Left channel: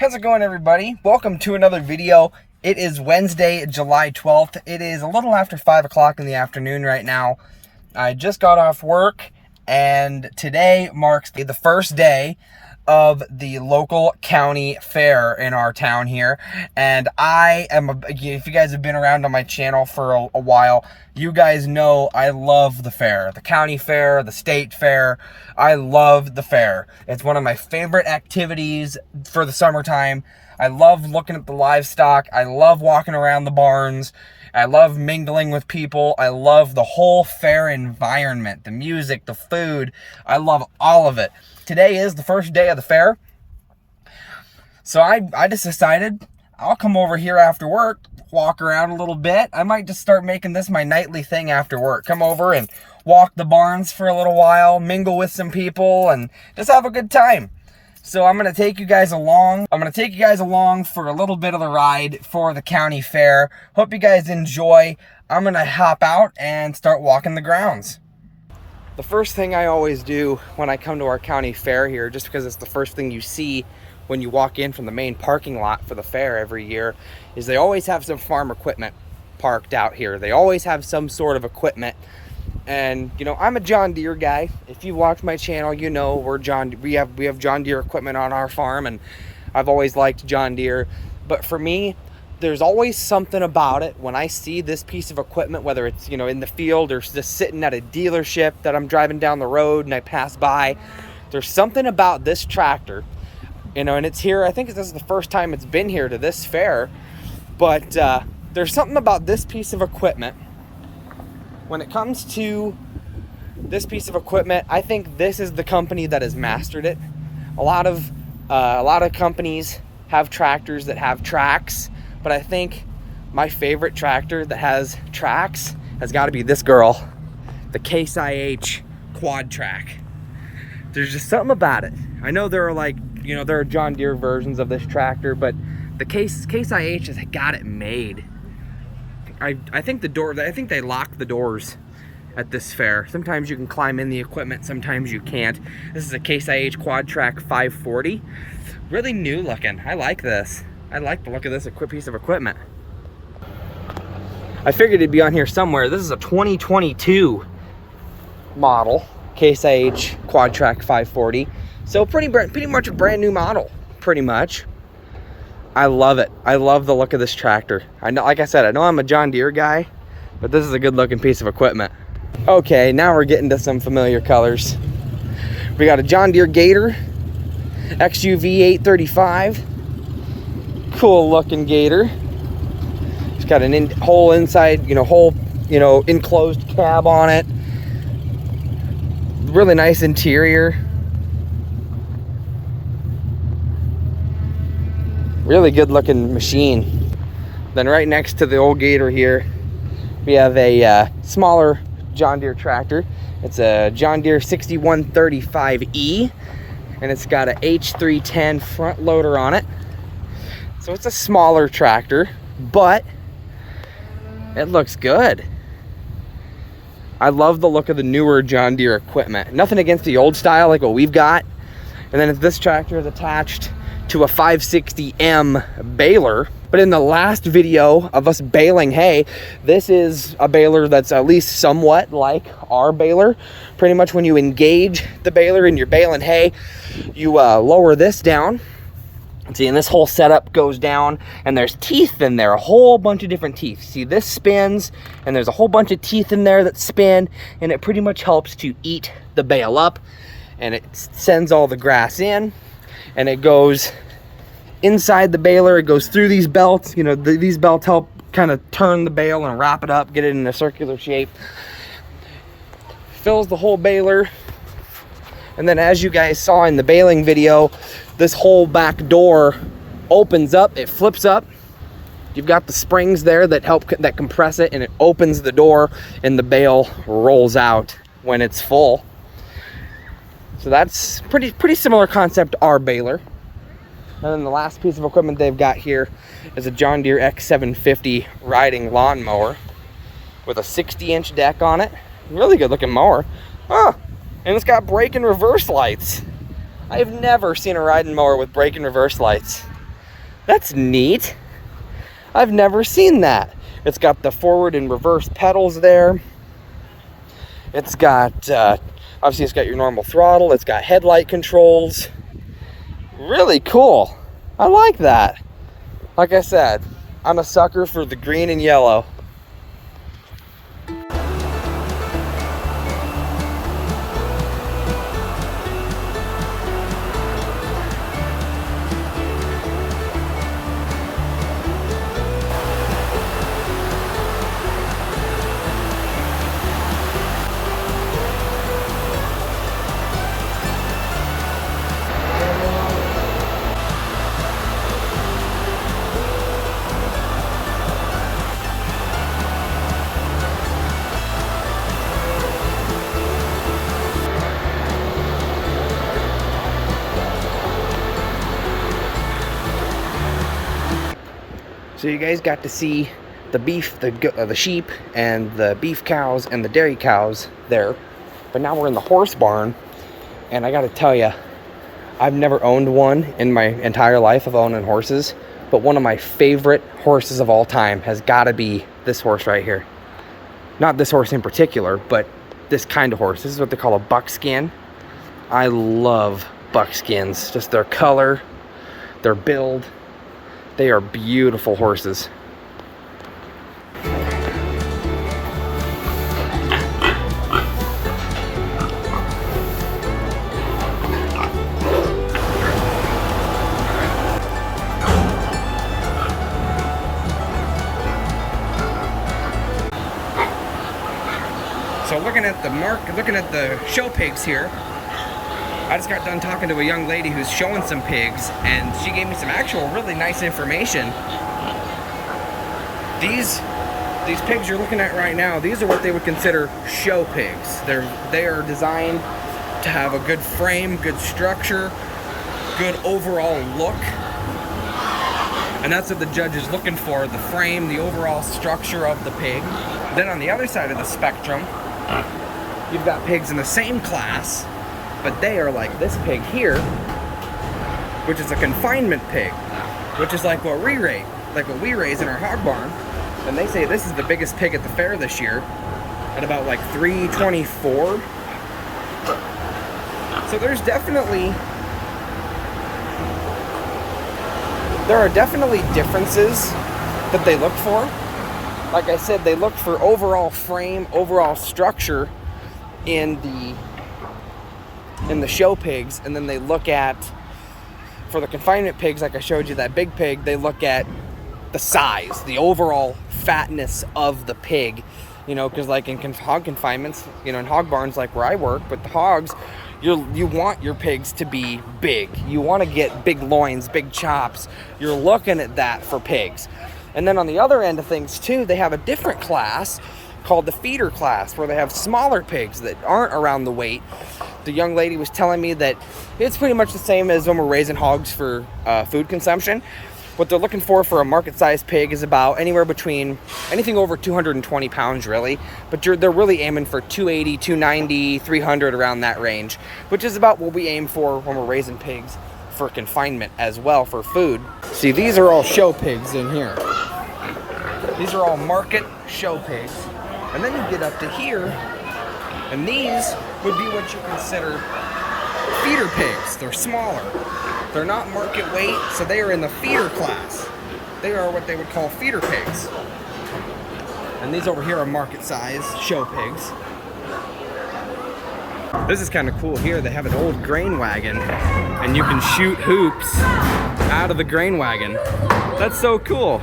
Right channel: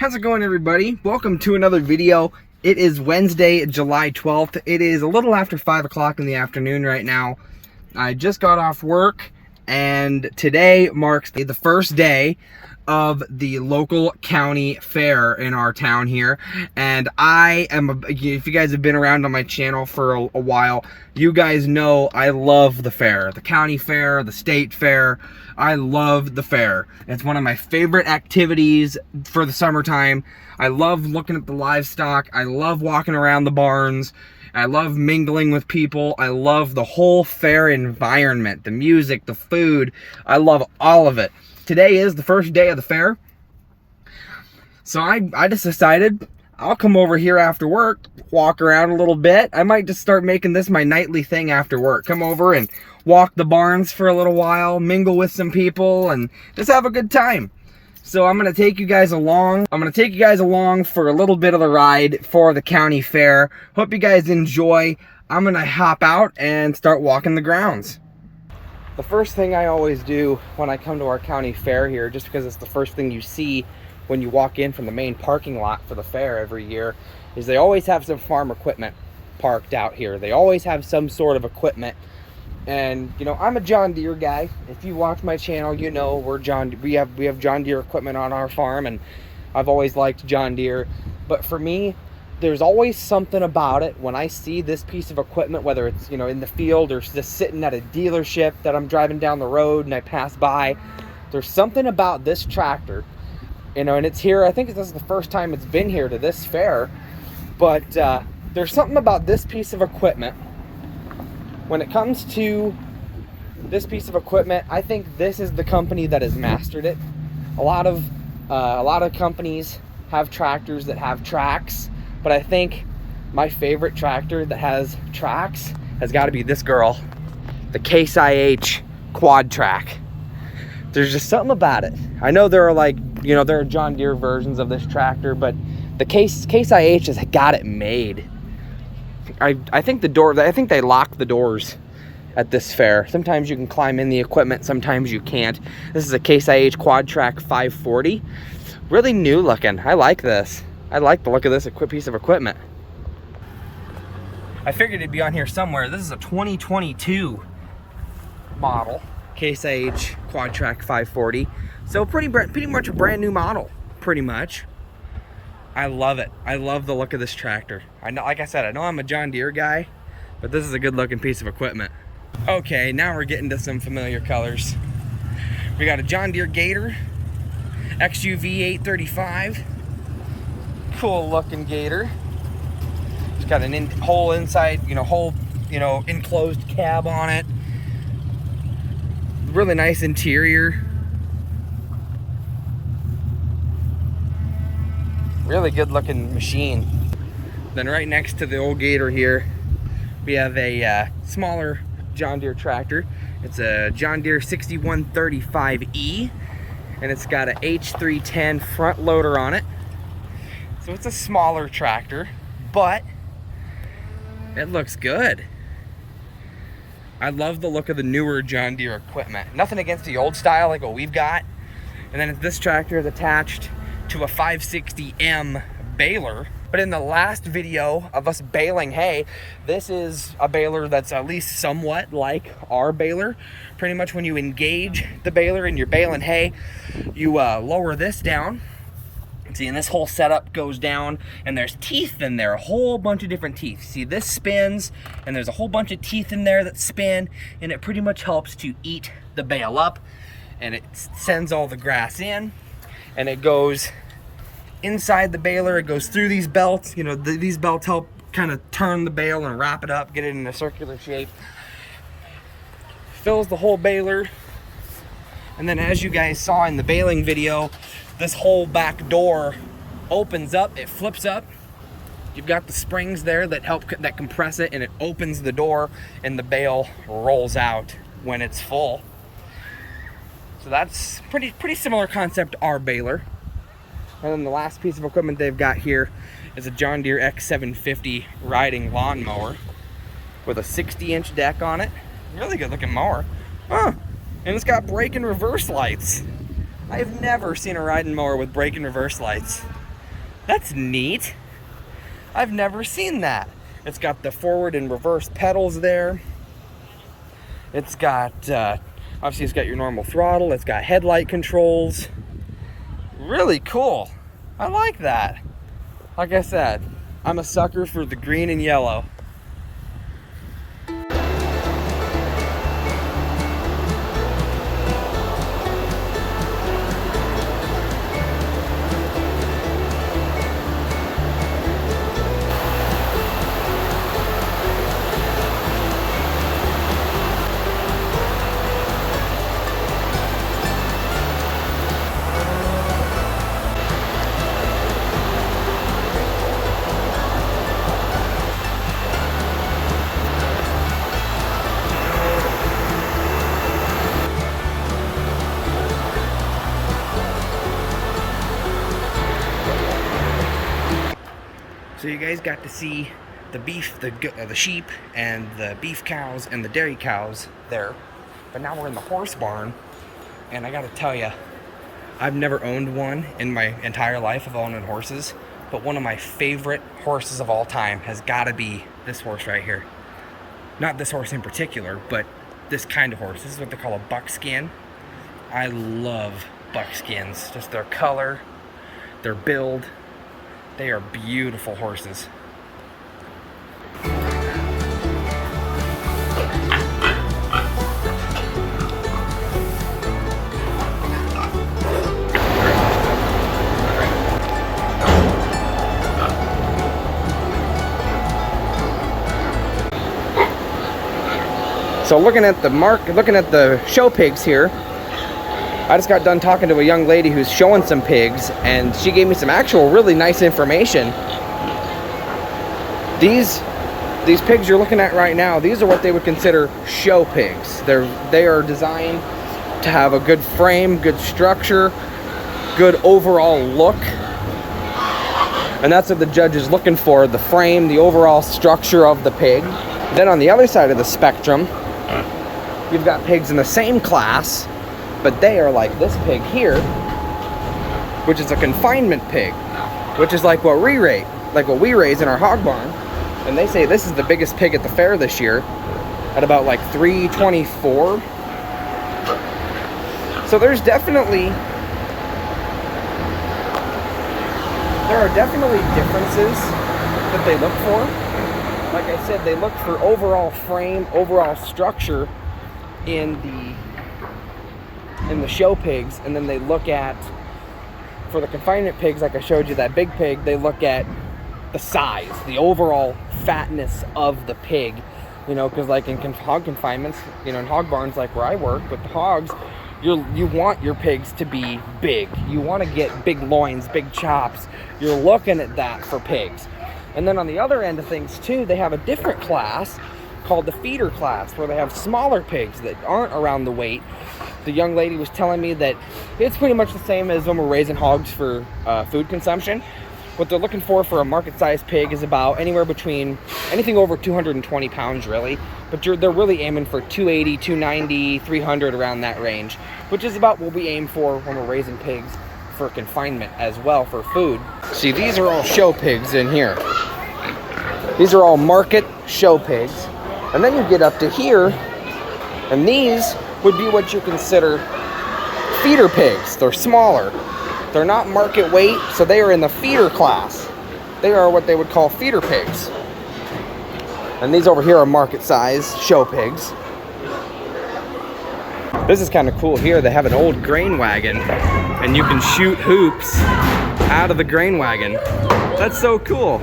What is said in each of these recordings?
How's it going, everybody? Welcome to another video. It is Wednesday, July 12th. It is a little after 5 o'clock in the afternoon right now. I just got off work, and today marks the first day of the local county fair in our town here. And if you guys have been around on my channel for a while, you guys know I love the fair. The county fair, the state fair. I love the fair. It's one of my favorite activities for the summertime. I love looking at the livestock. I love walking around the barns. I love mingling with people. I love the whole fair environment, the music, the food. I love all of it. Today is the first day of the fair. So I just decided I'll come over here after work, walk around a little bit. I might just start making this my nightly thing after work. Come over and walk the barns for a little while, mingle with some people, and just have a good time. So I'm gonna take you guys along. For a little bit of the ride for the county fair. Hope you guys enjoy. I'm gonna hop out and start walking the grounds. The first thing I always do when I come to our county fair here, just because it's the first thing you see when you walk in from the main parking lot for the fair every year, is they always have some farm equipment parked out here. They always have some sort of equipment. And you know, I'm a John Deere guy. If you watch my channel, you know we have John Deere equipment on our farm, and I've always liked John Deere. But for me, there's always something about it when I see this piece of equipment, whether it's, you know, in the field or just sitting at a dealership that I'm driving down the road and I pass by. There's something about this tractor, you know, and it's here. I think this is the first time it's been here to this fair, but there's something about this piece of equipment. When it comes to this piece of equipment, I think this is the company that has mastered it. A lot of companies have tractors that have tracks, but I think my favorite tractor that has tracks has got to be this girl, the Case IH Quad Track. There's just something about it. I know there are John Deere versions of this tractor, but the Case IH has got it made. I think they lock the doors at this fair. Sometimes you can climb in the equipment, sometimes you can't. This is a Case IH Quad Track 540. Really new looking. I like this. I like the look of this piece of equipment. I figured it'd be on here somewhere. This is a 2022 model, Case IH Quad Track 540. So pretty much a brand new model, pretty much. I love it. I love the look of this tractor. I know, like I said, I know I'm a John Deere guy, but this is a good looking piece of equipment. Okay, now we're getting to some familiar colors. We got a John Deere Gator XUV 835. Cool looking Gator. It's got an whole enclosed cab on it. Really nice interior. Really good looking machine. Then right next to the old Gator here, we have a smaller John Deere tractor. It's a John Deere 6135E, and it's got a H310 front loader on it. So it's a smaller tractor, but it looks good. I love the look of the newer John Deere equipment. Nothing against the old style like what we've got. And then this tractor is attached to a 560M baler. But in the last video of us baling hay, this is a baler that's at least somewhat like our baler. Pretty much when you engage the baler and you're baling hay, you lower this down. See, and this whole setup goes down, and there's teeth in there, a whole bunch of different teeth. See, this spins, and there's a whole bunch of teeth in there that spin, and it pretty much helps to eat the bale up, and it sends all the grass in, and it goes inside the baler. It goes through these belts. You know, these belts help kind of turn the bale and wrap it up, get it in a circular shape. Fills the whole baler. And then, as you guys saw in the baling video, this whole back door opens up, it flips up. You've got the springs there that compress it, and it opens the door, and the bale rolls out when it's full. So that's pretty similar concept to our baler. And then the last piece of equipment they've got here is a John Deere X750 riding lawnmower with a 60-inch deck on it. Really good looking mower. Huh. And it's got brake and reverse lights. I've never seen a riding mower with brake and reverse lights. That's neat. I've never seen that. It's got the forward and reverse pedals there. It's got, obviously it's got your normal throttle. It's got headlight controls. Really cool. I like that. Like I said, I'm a sucker for the green and yellow. So you guys got to see the beef, the sheep, and the beef cows and the dairy cows there. But now we're in the horse barn, and I got to tell you, I've never owned one in my entire life of owning horses, but one of my favorite horses of all time has got to be this horse right here. Not this horse in particular, but this kind of horse. This is what they call a buckskin. I love buckskins, just their color, their build. They are beautiful horses. So looking at the show pigs here, I just got done talking to a young lady who's showing some pigs, and she gave me some actual really nice information. These pigs you're looking at right now, these are what they would consider show pigs. They are designed to have a good frame, good structure, good overall look. And that's what the judge is looking for, the frame, the overall structure of the pig. Then on the other side of the spectrum, you've got pigs in the same class, but they are like this pig here, which is a confinement pig, which is like what we raise in our hog barn. And they say this is the biggest pig at the fair this year, at about like 324. So there are definitely differences that they look for. Like I said, they look for overall frame, overall structure in the show pigs, and then they look at, for the confinement pigs, like I showed you that big pig, they look at the size, the overall fatness of the pig, you know, because like in hog confinements, you know, in hog barns like where I work with the hogs, you want your pigs to be big. You want to get big loins, big chops. You're looking at that for pigs. And then on the other end of things too, they have a different class called the feeder class, where they have smaller pigs that aren't around the weight. The young lady was telling me that it's pretty much the same as when we're raising hogs for food consumption. What they're looking for a market-sized pig is about anywhere between anything over 220 pounds, really. But they're really aiming for 280, 290, 300, around that range, which is about what we aim for when we're raising pigs for confinement as well, for food. See, these are all show pigs in here. These are all market show pigs. And then you get up to here, and these would be what you consider feeder pigs. They're smaller. They're not market weight, so they are in the feeder class. They are what they would call feeder pigs. And these over here are market size show pigs. This is kind of cool here. They have an old grain wagon, and you can shoot hoops out of the grain wagon. That's so cool.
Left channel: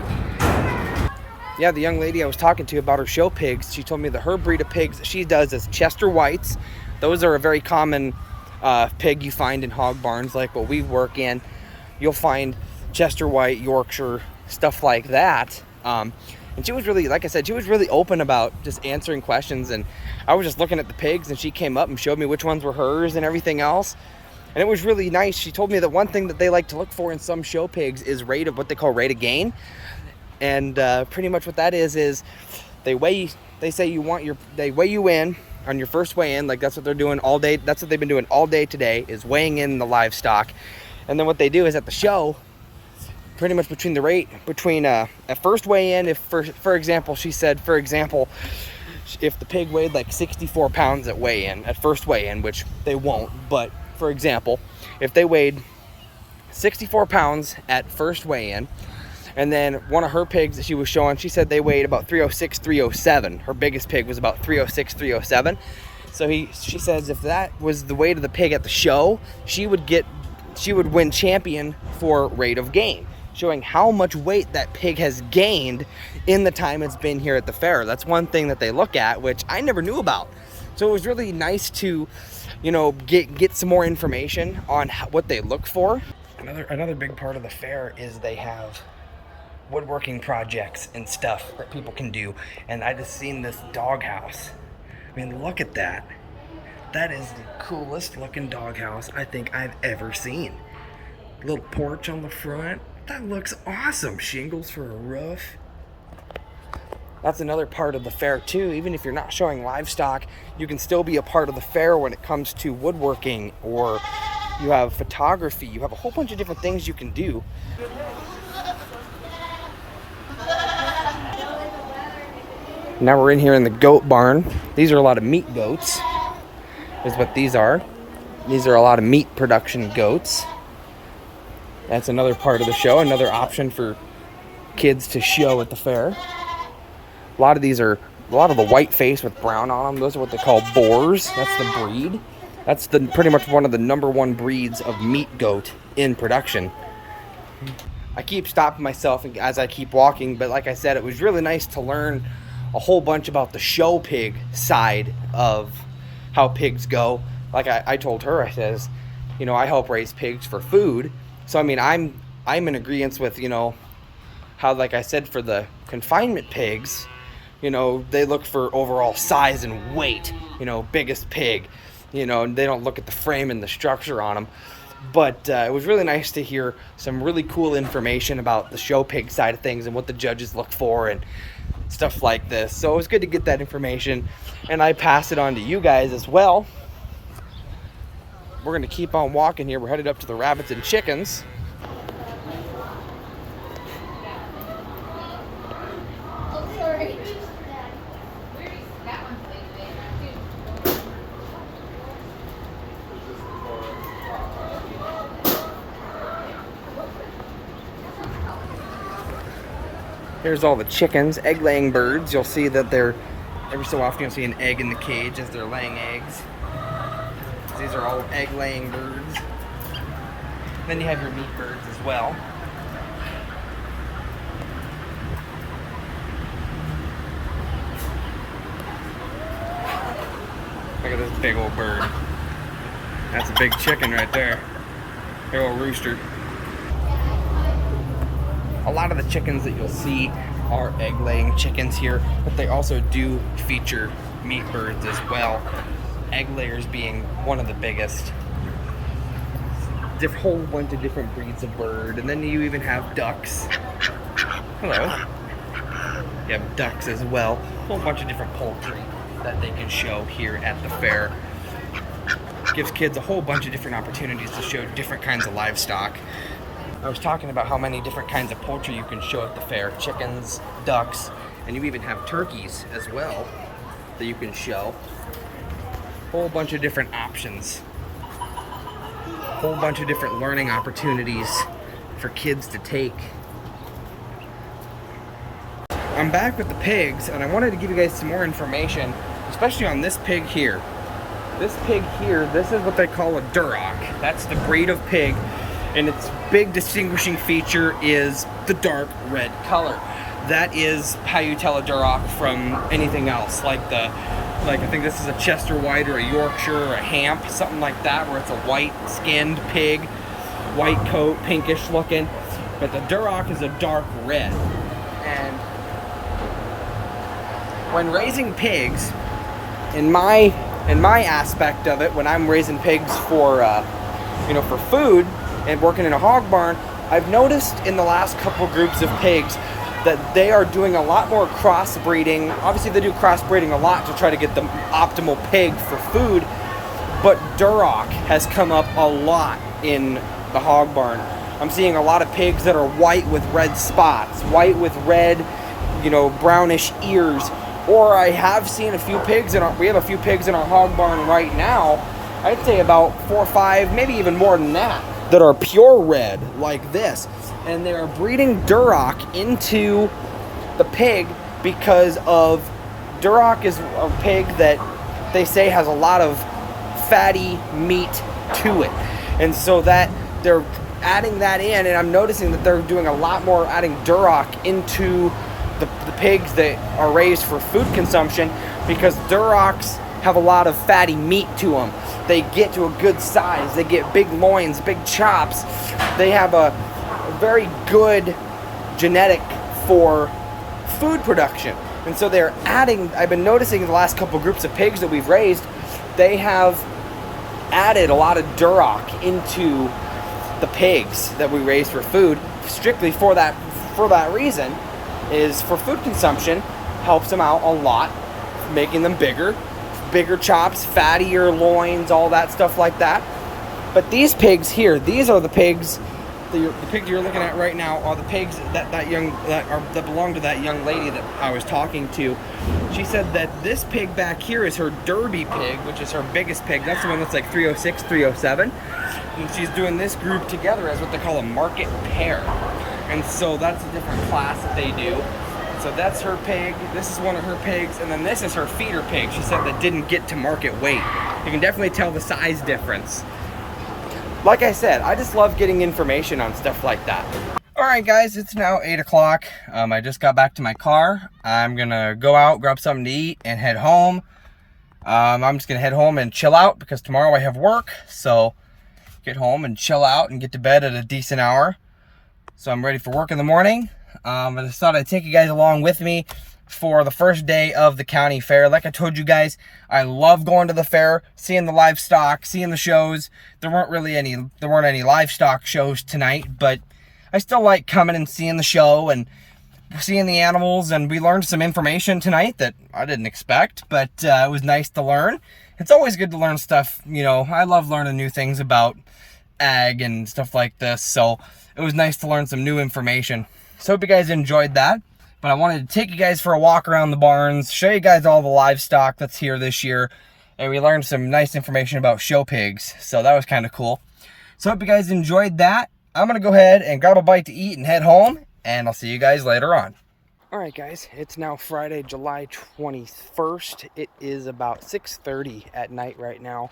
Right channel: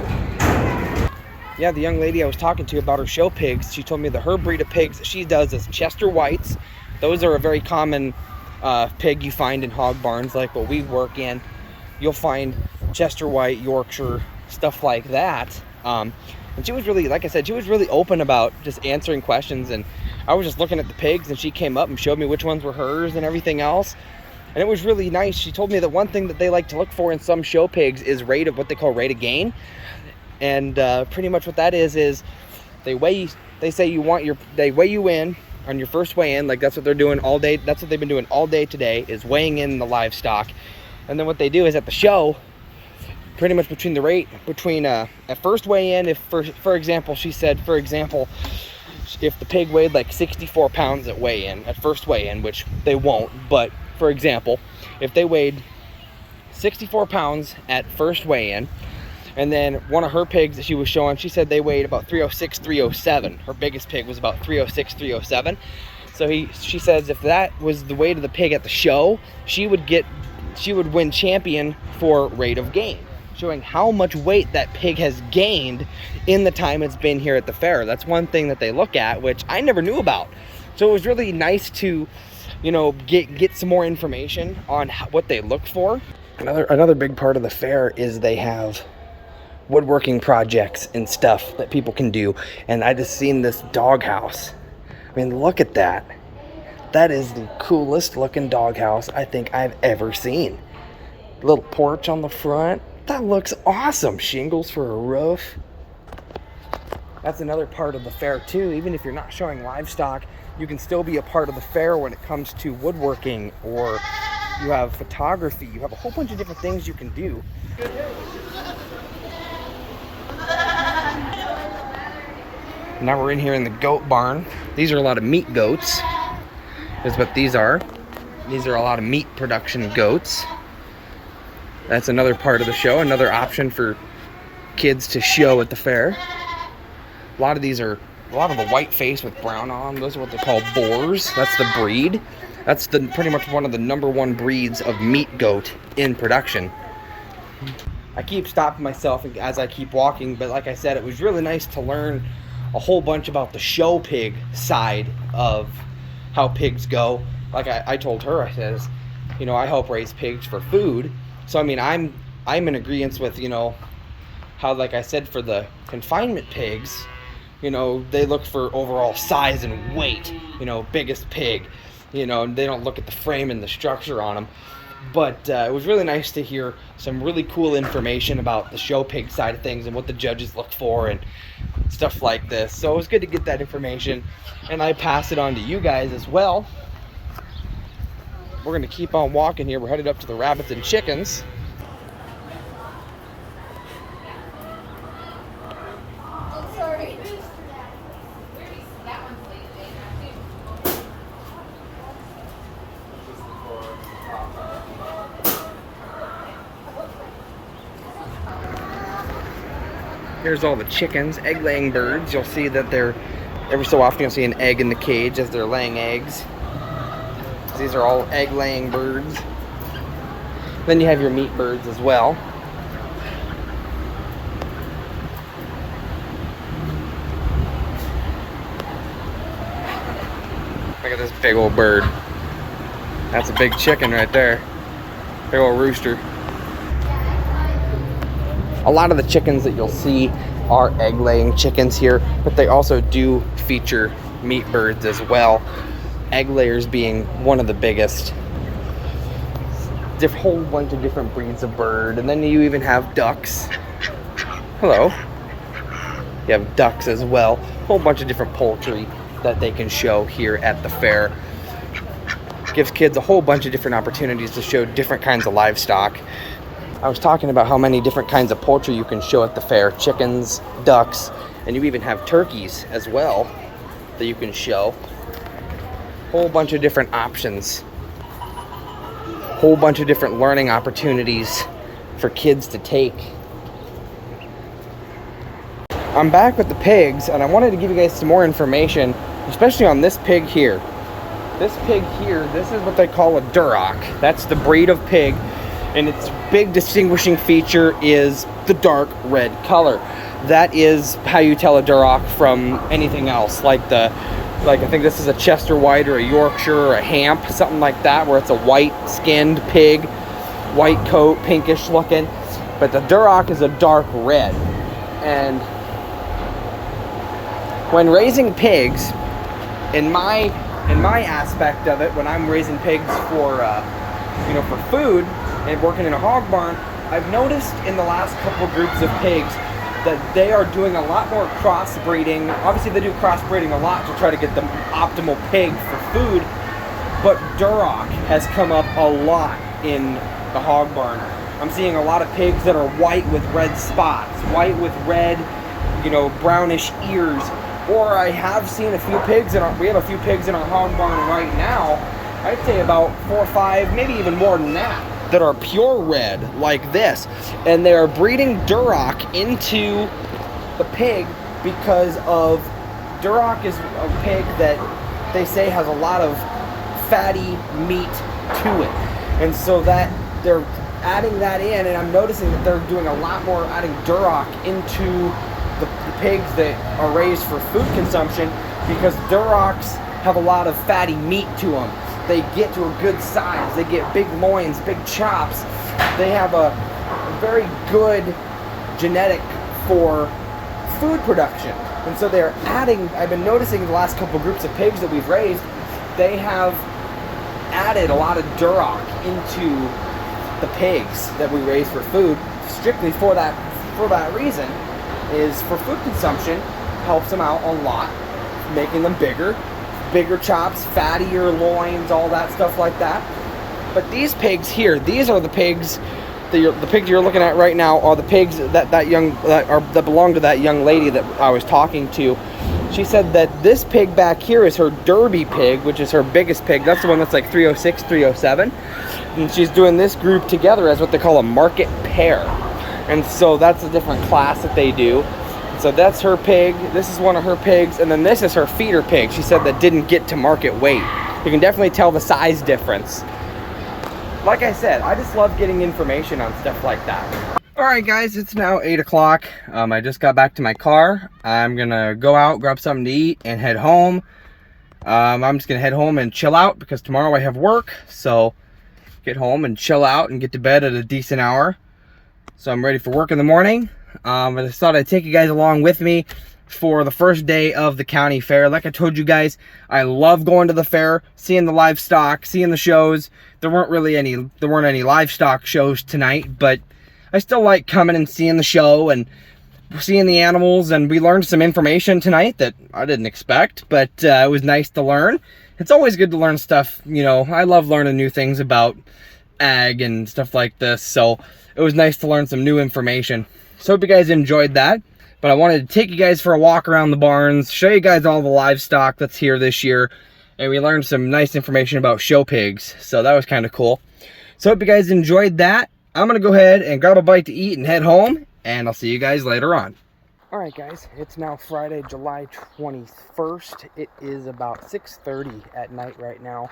Yeah, the young lady I was talking to about her show pigs, she told me that her breed of pigs that she does is Chester Whites. Those are a very common pig you find in hog barns like what we work in. You'll find Chester White, Yorkshire, stuff like that. And she was really, like I said, she was really open about just answering questions. And I was just looking at the pigs, and she came up and showed me which ones were hers and everything else. And it was really nice. She told me that one thing that they like to look for in some show pigs is rate of what they call rate of gain. And pretty much what that is they weigh you in on your first weigh in. Like that's what they're doing all day. That's what they've been doing all day today, is weighing in the livestock. And then what they do is at the show, pretty much between the rate between at first weigh-in, if for example, she said, for example, if the pig weighed like 64 pounds at weigh-in, at first weigh-in, which they won't, but for example, if they weighed 64 pounds at first weigh-in, and then one of her pigs that she was showing, she said they weighed about 306, 307. Her biggest pig was about 306, 307. So she says if that was the weight of the pig at the show, she would win champion for rate of gain, showing how much weight that pig has gained in the time it's been here at the fair. That's one thing that they look at, which I never knew about. So it was really nice to, you know, get some more information on what they look for. Another big part of the fair is they have woodworking projects and stuff that people can do. And I just seen this doghouse. I mean, look at that. That is the coolest looking doghouse I think I've ever seen. Little porch on the front. That looks awesome. Shingles for a roof. That's another part of the fair too. Even if you're not showing livestock, you can still be a part of the fair when it comes to woodworking, or you have photography. You have a whole bunch of different things you can do. Now we're in here in the goat barn. These are a lot of meat goats, is what these are. These are a lot of meat production goats. That's another part of the show, another option for kids to show at the fair. A lot of the white face with brown on them, those are what they call boars. That's the breed. That's pretty much one of the #1 breeds of meat goat in production. I keep stopping myself as I keep walking, but like I said, it was really nice to learn a whole bunch about the show pig side of how pigs go. Like I told her, I says, you know, I help raise pigs for food. So I mean, I'm in agreement with, you know, how, like I said, for the confinement pigs, you know, they look for overall size and weight, you know, biggest pig, you know, and they don't look at the frame and the structure on them. But it was really nice to hear some really cool information about the show pig side of things and what the judges look for and stuff like this. So it was good to get that information, and I pass it on to you guys as well. We're going to keep on walking here. We're headed up to the rabbits and chickens. Here's all the chickens, egg-laying birds. You'll see that they're, every so often you'll see an egg in the cage as they're laying eggs. These are all egg-laying birds. Then you have your meat birds as well. Look at this big old bird. That's a big chicken right there. Big old rooster. A lot of the chickens that you'll see are egg-laying chickens here, but they also do feature meat birds as well. Egg layers being one of the biggest. Whole bunch of different breeds of bird, and then you even have ducks. Hello. You have ducks as well. A whole bunch of different poultry that they can show here at the fair. Gives kids a whole bunch of different opportunities to show different kinds of livestock. I was talking about how many different kinds of poultry you can show at the fair. Chickens, ducks, and you even have turkeys as well that you can show. Whole bunch of different options. Whole bunch of different learning opportunities for kids to take. I'm back with the pigs, and I wanted to give you guys some more information, especially on this pig here. This pig here, this is what they call a Duroc. That's the breed of pig. And its big distinguishing feature is the dark red color. That is how you tell a Duroc from anything else, like I think this is a Chester White or a Yorkshire or a Hamp, something like that, where it's a white-skinned pig, white coat, pinkish looking. But the Duroc is a dark red. And when raising pigs, in my aspect of it, when I'm raising pigs for for food, and working in a hog barn, I've noticed in the last couple groups of pigs that they are doing a lot more crossbreeding. Obviously they do crossbreeding a lot to try to get the optimal pig for food, but Duroc has come up a lot in the hog barn. I'm seeing a lot of pigs that are white with red spots, white with red, you know, brownish ears. Or I have seen a few pigs we have a few pigs in our hog barn right now. I'd say about 4 or 5, maybe even more than that are pure red like this. And they are breeding Duroc into the pig because of Duroc is a pig that they say has a lot of fatty meat to it. And so that they're adding that in, and I'm noticing that they're doing a lot more adding Duroc into the pigs that are raised for food consumption, because Durocs have a lot of fatty meat to them. They get to a good size. They get big loins, big chops. They have a very good genetic for food production. And so they're adding, I've been noticing the last couple groups of pigs that we've raised, they have added a lot of Duroc into the pigs that we raise for food, strictly for that reason, is for food consumption, helps them out a lot, making them bigger chops, fattier loins, all that stuff like that. But these pigs here, these are the pigs, the pigs you're looking at right now are the pigs that belong to that young lady that I was talking to. She said that this pig back here is her Derby pig, which is her biggest pig. That's the one that's like 306, 307. And she's doing this group together as what they call a market pair. And so that's a different class that they do. So that's her pig. This is one of her pigs. And then this is her feeder pig. She said that didn't get to market weight. You can definitely tell the size difference. Like I said, I just love getting information on stuff like that. All right, guys, it's now 8 o'clock. I just got back to my car. I'm gonna go out, grab something to eat, and head home. I'm just gonna head home and chill out because tomorrow I have work. So get home and chill out and get to bed at a decent hour. So I'm ready for work in the morning. I just thought I'd take you guys along with me for the first day of the county fair. Like I told you guys, I love going to the fair, seeing the livestock, seeing the shows. There weren't any livestock shows tonight, but I still like coming and seeing the show and seeing the animals. And we learned some information tonight that I didn't expect, but it was nice to learn. It's always good to learn stuff, you know. I love learning new things about ag and stuff like this, so it was nice to learn some new information. So hope you guys enjoyed that. But I wanted to take you guys for a walk around the barns, show you guys all the livestock that's here this year, and we learned some nice information about show pigs, so that was kind of cool. So hope you guys enjoyed that. I'm gonna go ahead and grab a bite to eat and head home, and I'll see you guys later on. All right, guys, it's now Friday, July 21st. It is about 6:30 at night right now.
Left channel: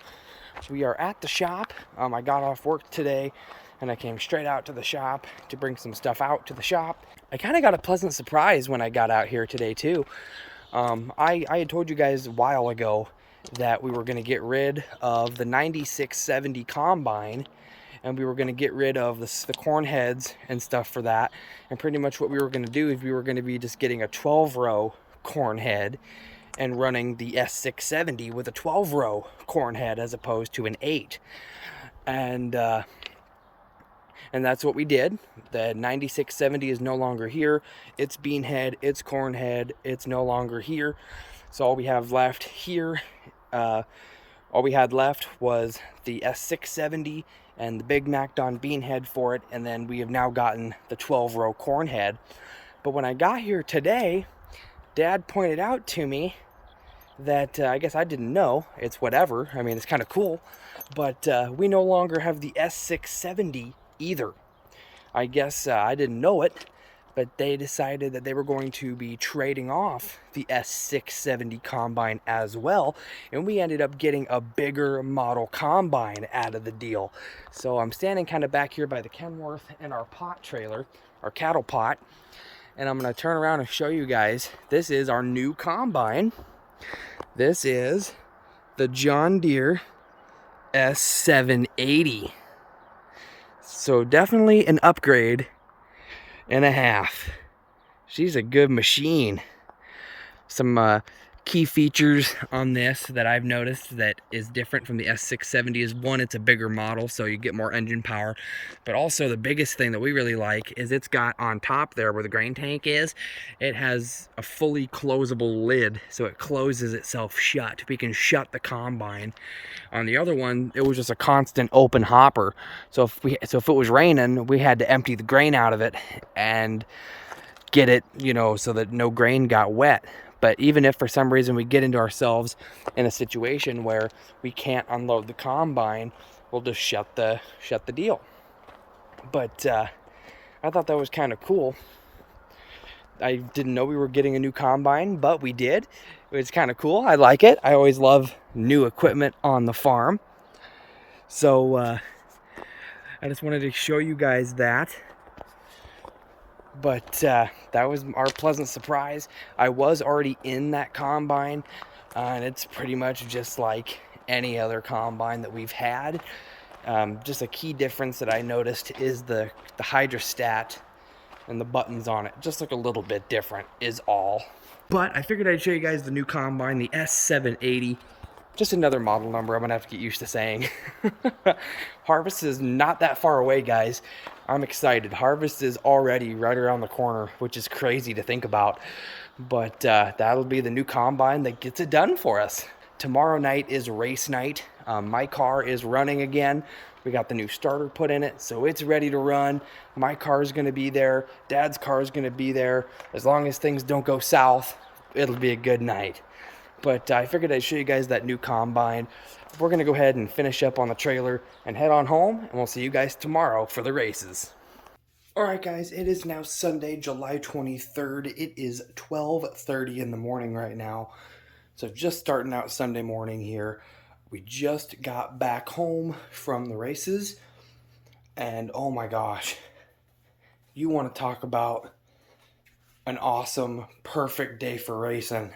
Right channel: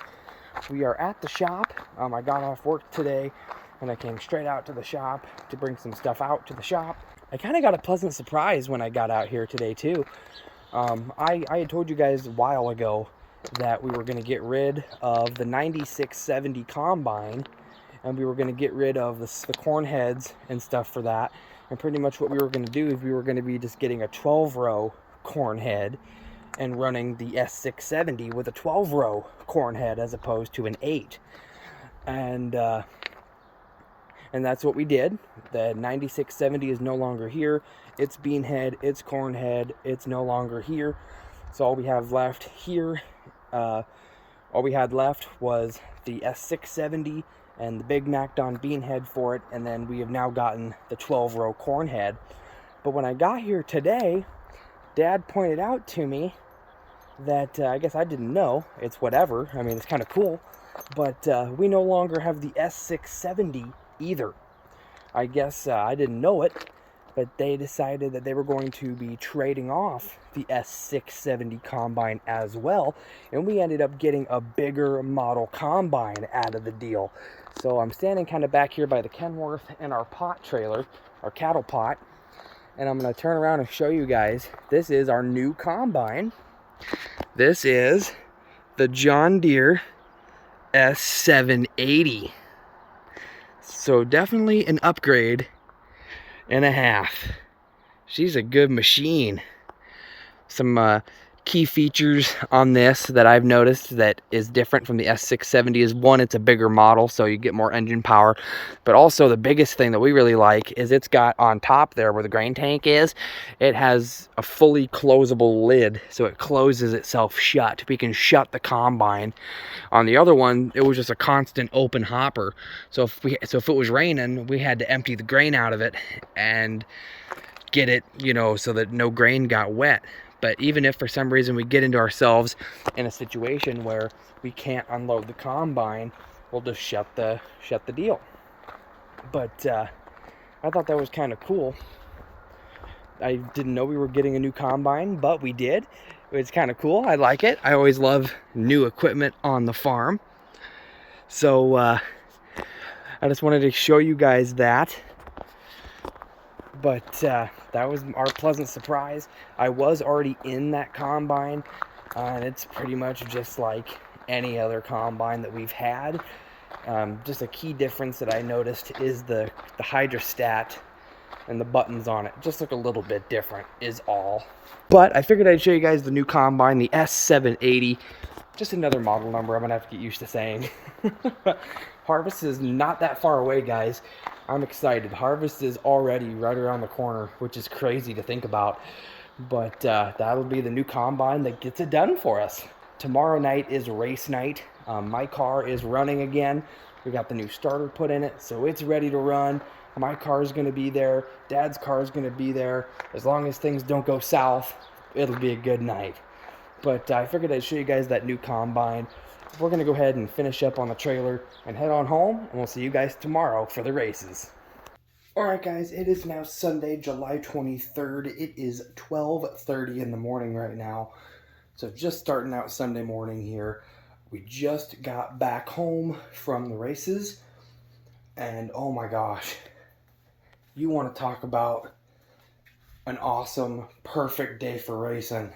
We are at the shop. I got off work today, and I came straight out to the shop to bring some stuff out to the shop. I kind of got a pleasant surprise when I got out here today too. I had told you guys a while ago that we were going to get rid of the 9670 combine, and we were going to get rid of the corn heads and stuff for that. And pretty much what we were going to do is we were going to be just getting a 12-row corn head and running the S670 with a 12-row corn head as opposed to an 8. And that's what we did. The 9670 is no longer here. It's bean head, it's corn head, it's no longer here. So all we have left here, all we had left was the S670 and the Big Macdon bean head for it. And then we have now gotten the 12-row corn head. But when I got here today, Dad pointed out to me that I guess I didn't know. It's whatever. I mean, it's kind of cool. But we no longer have the S670 either. I guess I didn't know it, but they decided that they were going to be trading off the S670 combine as well, and we ended up getting a bigger model combine out of the deal. So I'm standing kind of back here by the Kenworth and our pot trailer, our cattle pot, and I'm going to turn around and show you guys. This is our new combine. This is the John Deere S780. So definitely an upgrade and a half. She's a good machine. Some key features on this that I've noticed that is different from the S670 is, one, it's a bigger model, so you get more engine power. But also the biggest thing that we really like is it's got on top there where the grain tank is, it has a fully closable lid, so it closes itself shut. We can shut the combine. On the other one, it was just a constant open hopper. So if it was raining, we had to empty the grain out of it and get it, you know, so that no grain got wet. But even if for some reason we get into ourselves in a situation where we can't unload the combine, we'll just shut the deal. But I thought that was kind of cool. I didn't know we were getting a new combine, but we did. It's kind of cool. I like it. I always love new equipment on the farm. So I just wanted to show you guys that. But that was our pleasant surprise. I was already in that combine, and it's pretty much just like any other combine that we've had. Just a key difference that I noticed is the hydrostat and the buttons on it just look a little bit different is all. But I figured I'd show you guys the new combine, the S780. Just another model number I'm gonna have to get used to saying. Harvest is not that far away, guys. I'm excited. Harvest is already right around the corner, which is crazy to think about. But that'll be the new combine that gets it done for us. Tomorrow night is race night. My car is running again. We got the new starter put in it, so it's ready to run. My car is gonna be there. Dad's car is gonna be there. As long as things don't go south, it'll be a good night. But I figured I'd show you guys that new combine. We're gonna go ahead and finish up on the trailer and head on home, and we'll see you guys tomorrow for the races. All right, guys, it is now Sunday, July 23rd. It is 12:30 in the morning right now. So just starting out Sunday morning here. We just got back home from the races, and oh my gosh, you want to talk about an awesome, perfect day for racing.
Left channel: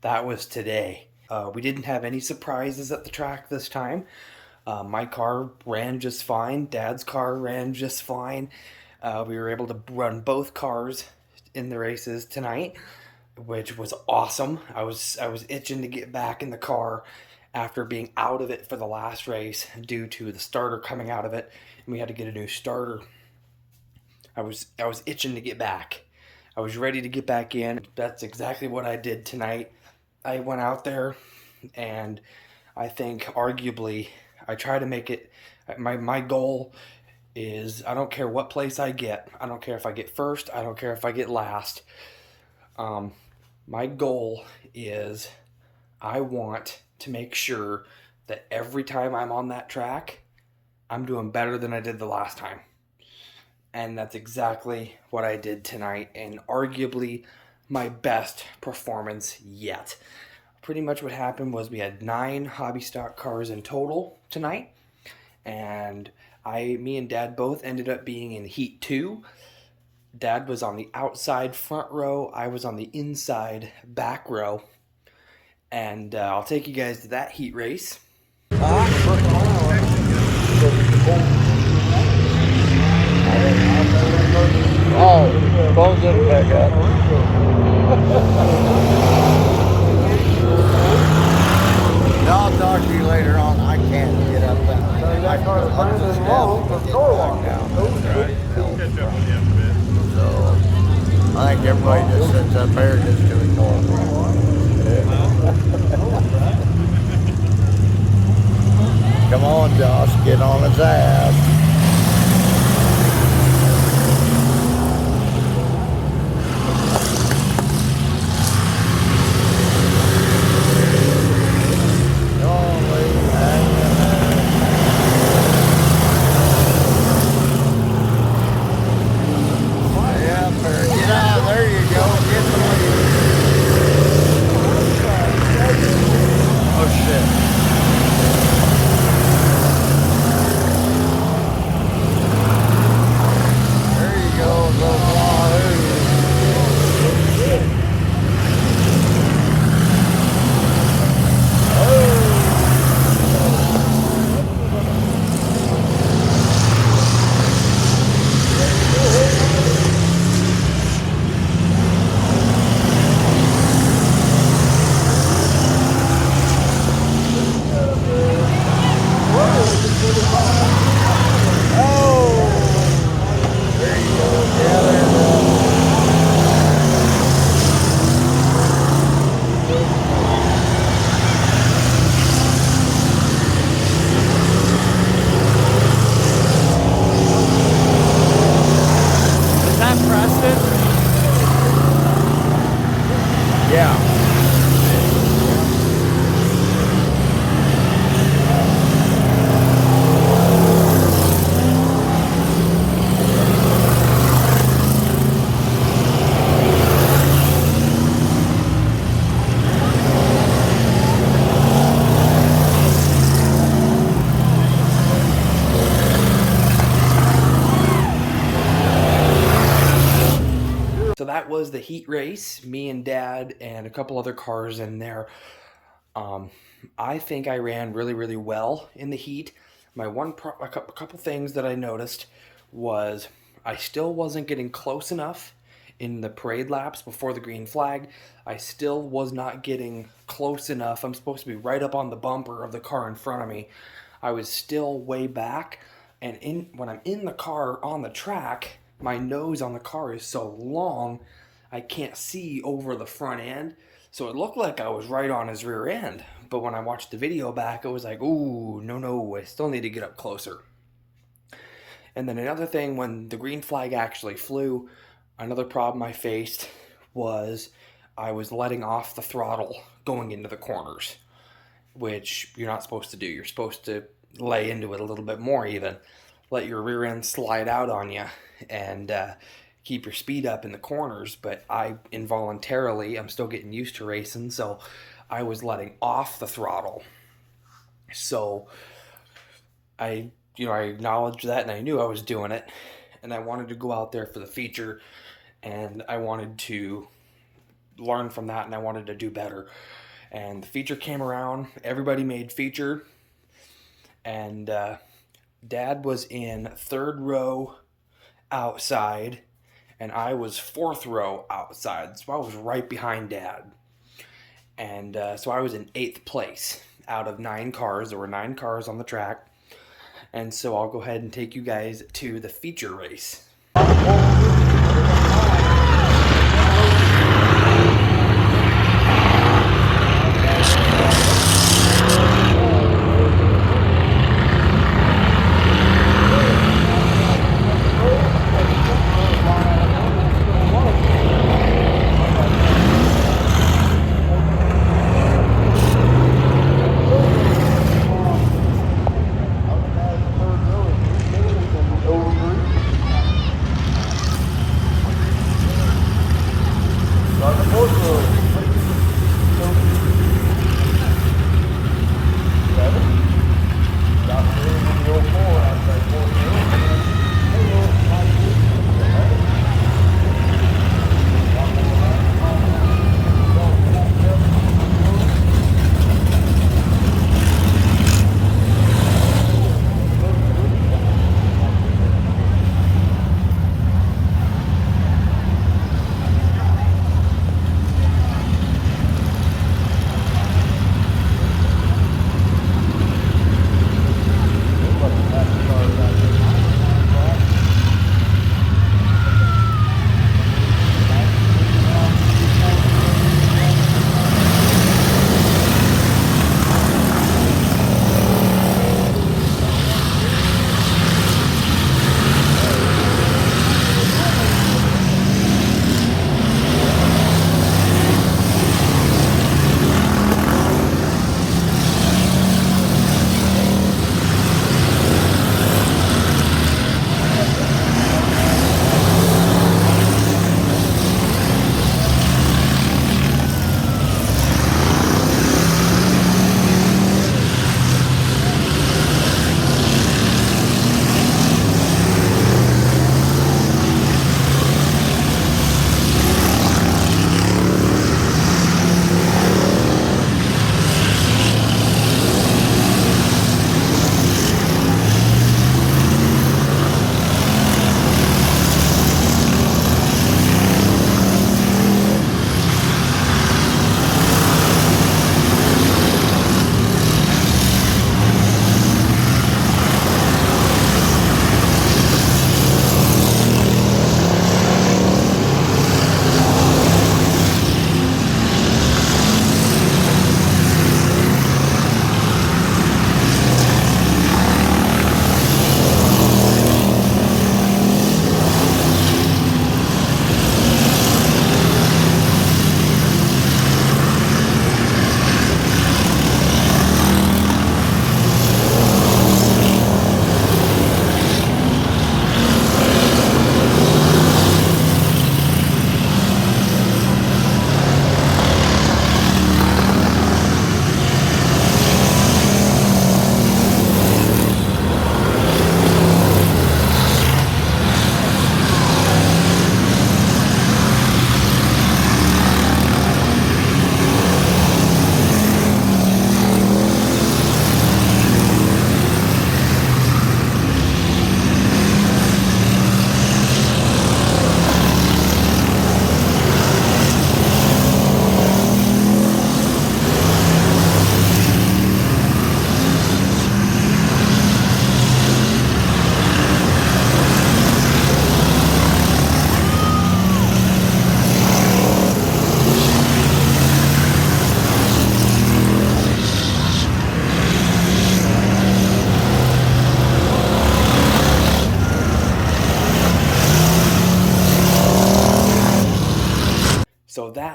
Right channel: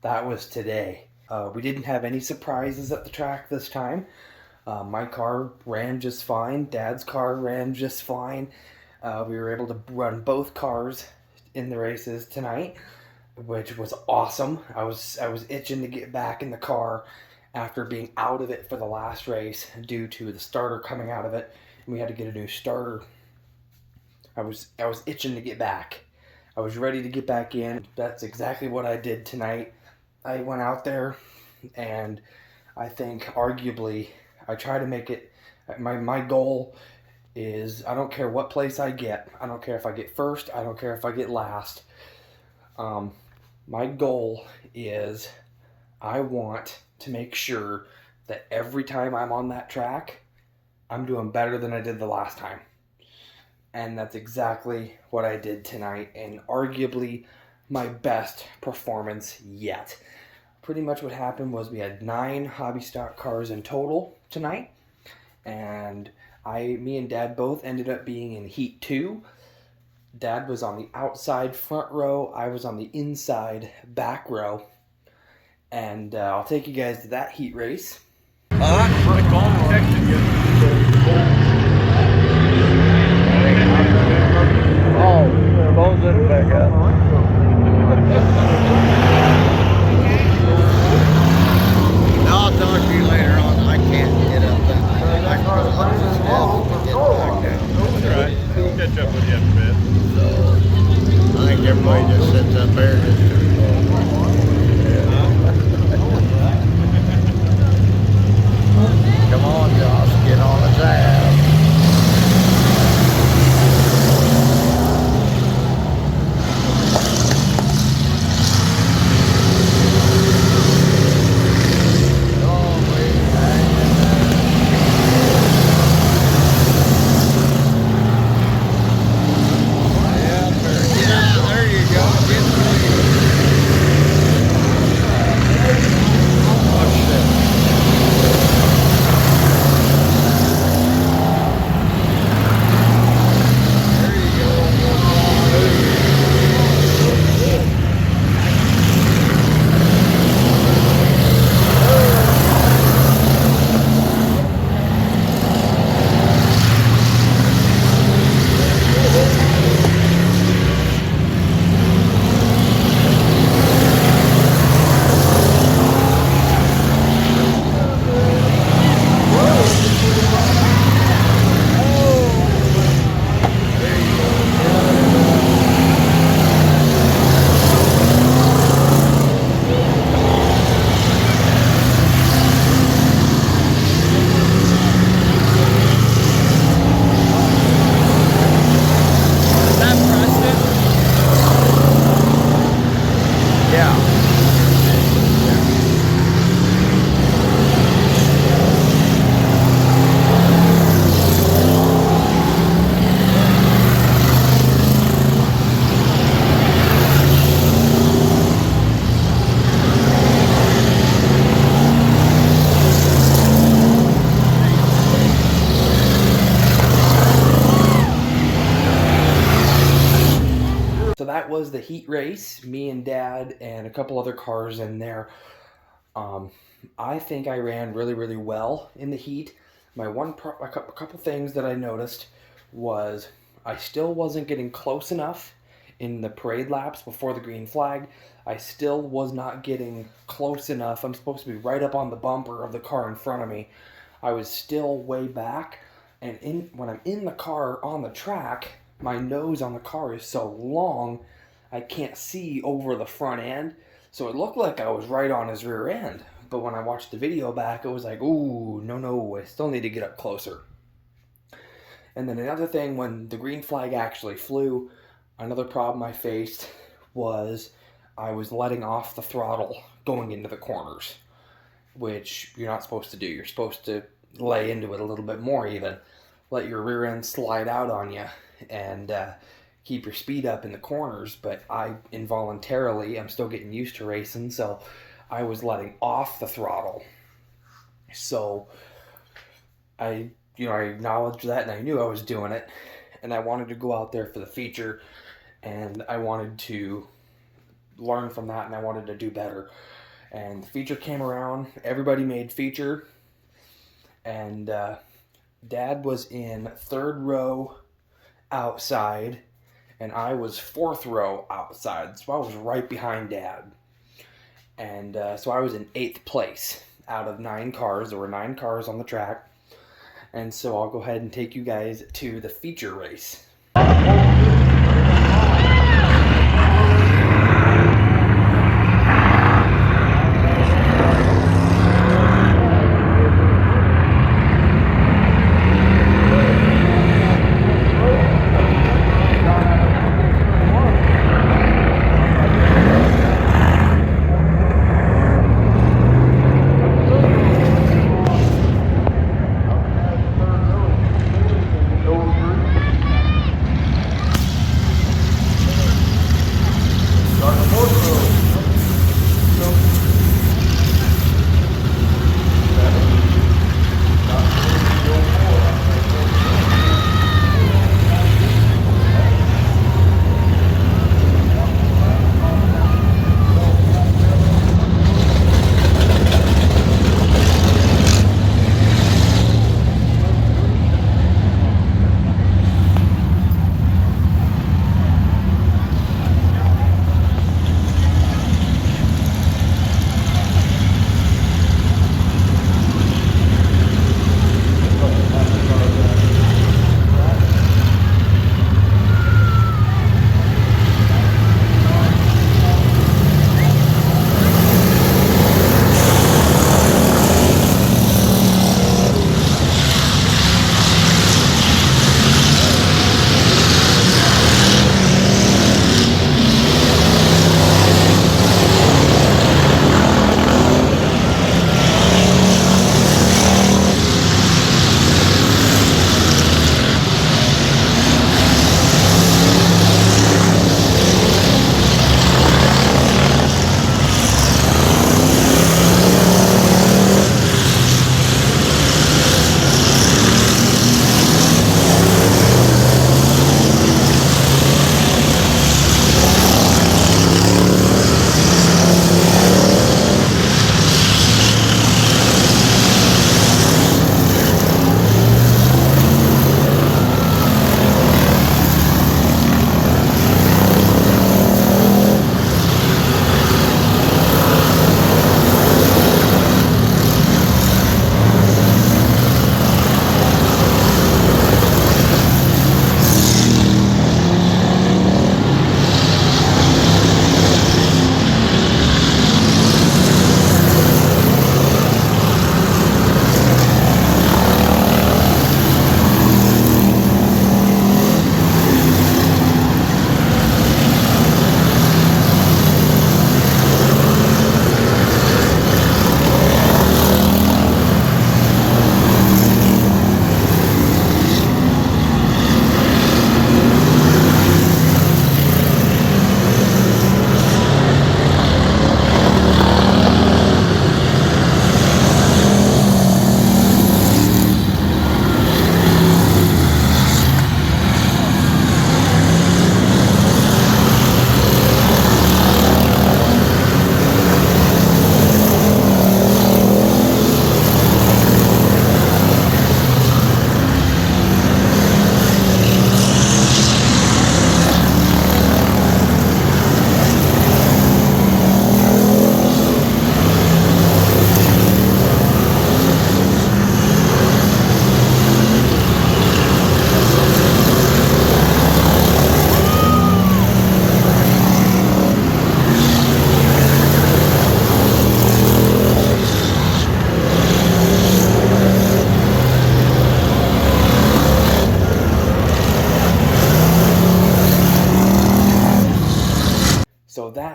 That was today. We didn't have any surprises at the track this time. My car ran just fine. Dad's car ran just fine. We were able to run both cars in the races tonight, which was awesome. I was itching to get back in the car after being out of it for the last race due to the starter coming out of it, and we had to get a new starter. I was itching to get back. I was ready to get back in. That's exactly what I did tonight. I went out there, and I think arguably I try to make it, my goal is, I don't care what place I get. I don't care if I get first. I don't care if I get last. My goal is I want to make sure that every time I'm on that track, I'm doing better than I did the last time. And that's exactly what I did tonight, and arguably my best performance yet. Pretty much what happened was we had 9 hobby stock cars in total tonight, and me and Dad both ended up being in heat 2. Dad was on the outside front row, I was on the inside back row, and I'll take you guys to that heat race. I'll talk to you later on. I can't get up that way. I can go up the steps and get back down. So I think everybody just sits up there and just does more. Come on, Josh, get on his ass. that was the heat race. Me and Dad and a couple other cars in there. I think I ran really, really well in the heat. A couple things that I noticed was I still wasn't getting close enough in the parade laps before the green flag. I still was not getting close enough. I'm supposed to be right up on the bumper of the car in front of me. I was still way back, and when I'm in the car on the track, my nose on the car is so long, I can't see over the front end. So it looked like I was right on his rear end. But when I watched the video back, it was like, ooh, no, I still need to get up closer. And then another thing, when the green flag actually flew, another problem I faced was I was letting off the throttle going into the corners, which you're not supposed to do. You're supposed to lay into it a little bit more even. Let your rear end slide out on you and keep your speed up in the corners. But I involuntarily, I'm still getting used to racing, so I was letting off the throttle. So I acknowledged that, and I knew I was doing it, and I wanted to go out there for the feature, and I wanted to learn from that, and I wanted to do better. And the feature came around, everybody made feature, and Dad was in third row outside, and I was fourth row outside, so I was right behind Dad. And so I was in 8th place out of 9 cars. There were 9 cars on the track. And so I'll go ahead and take you guys to the feature race.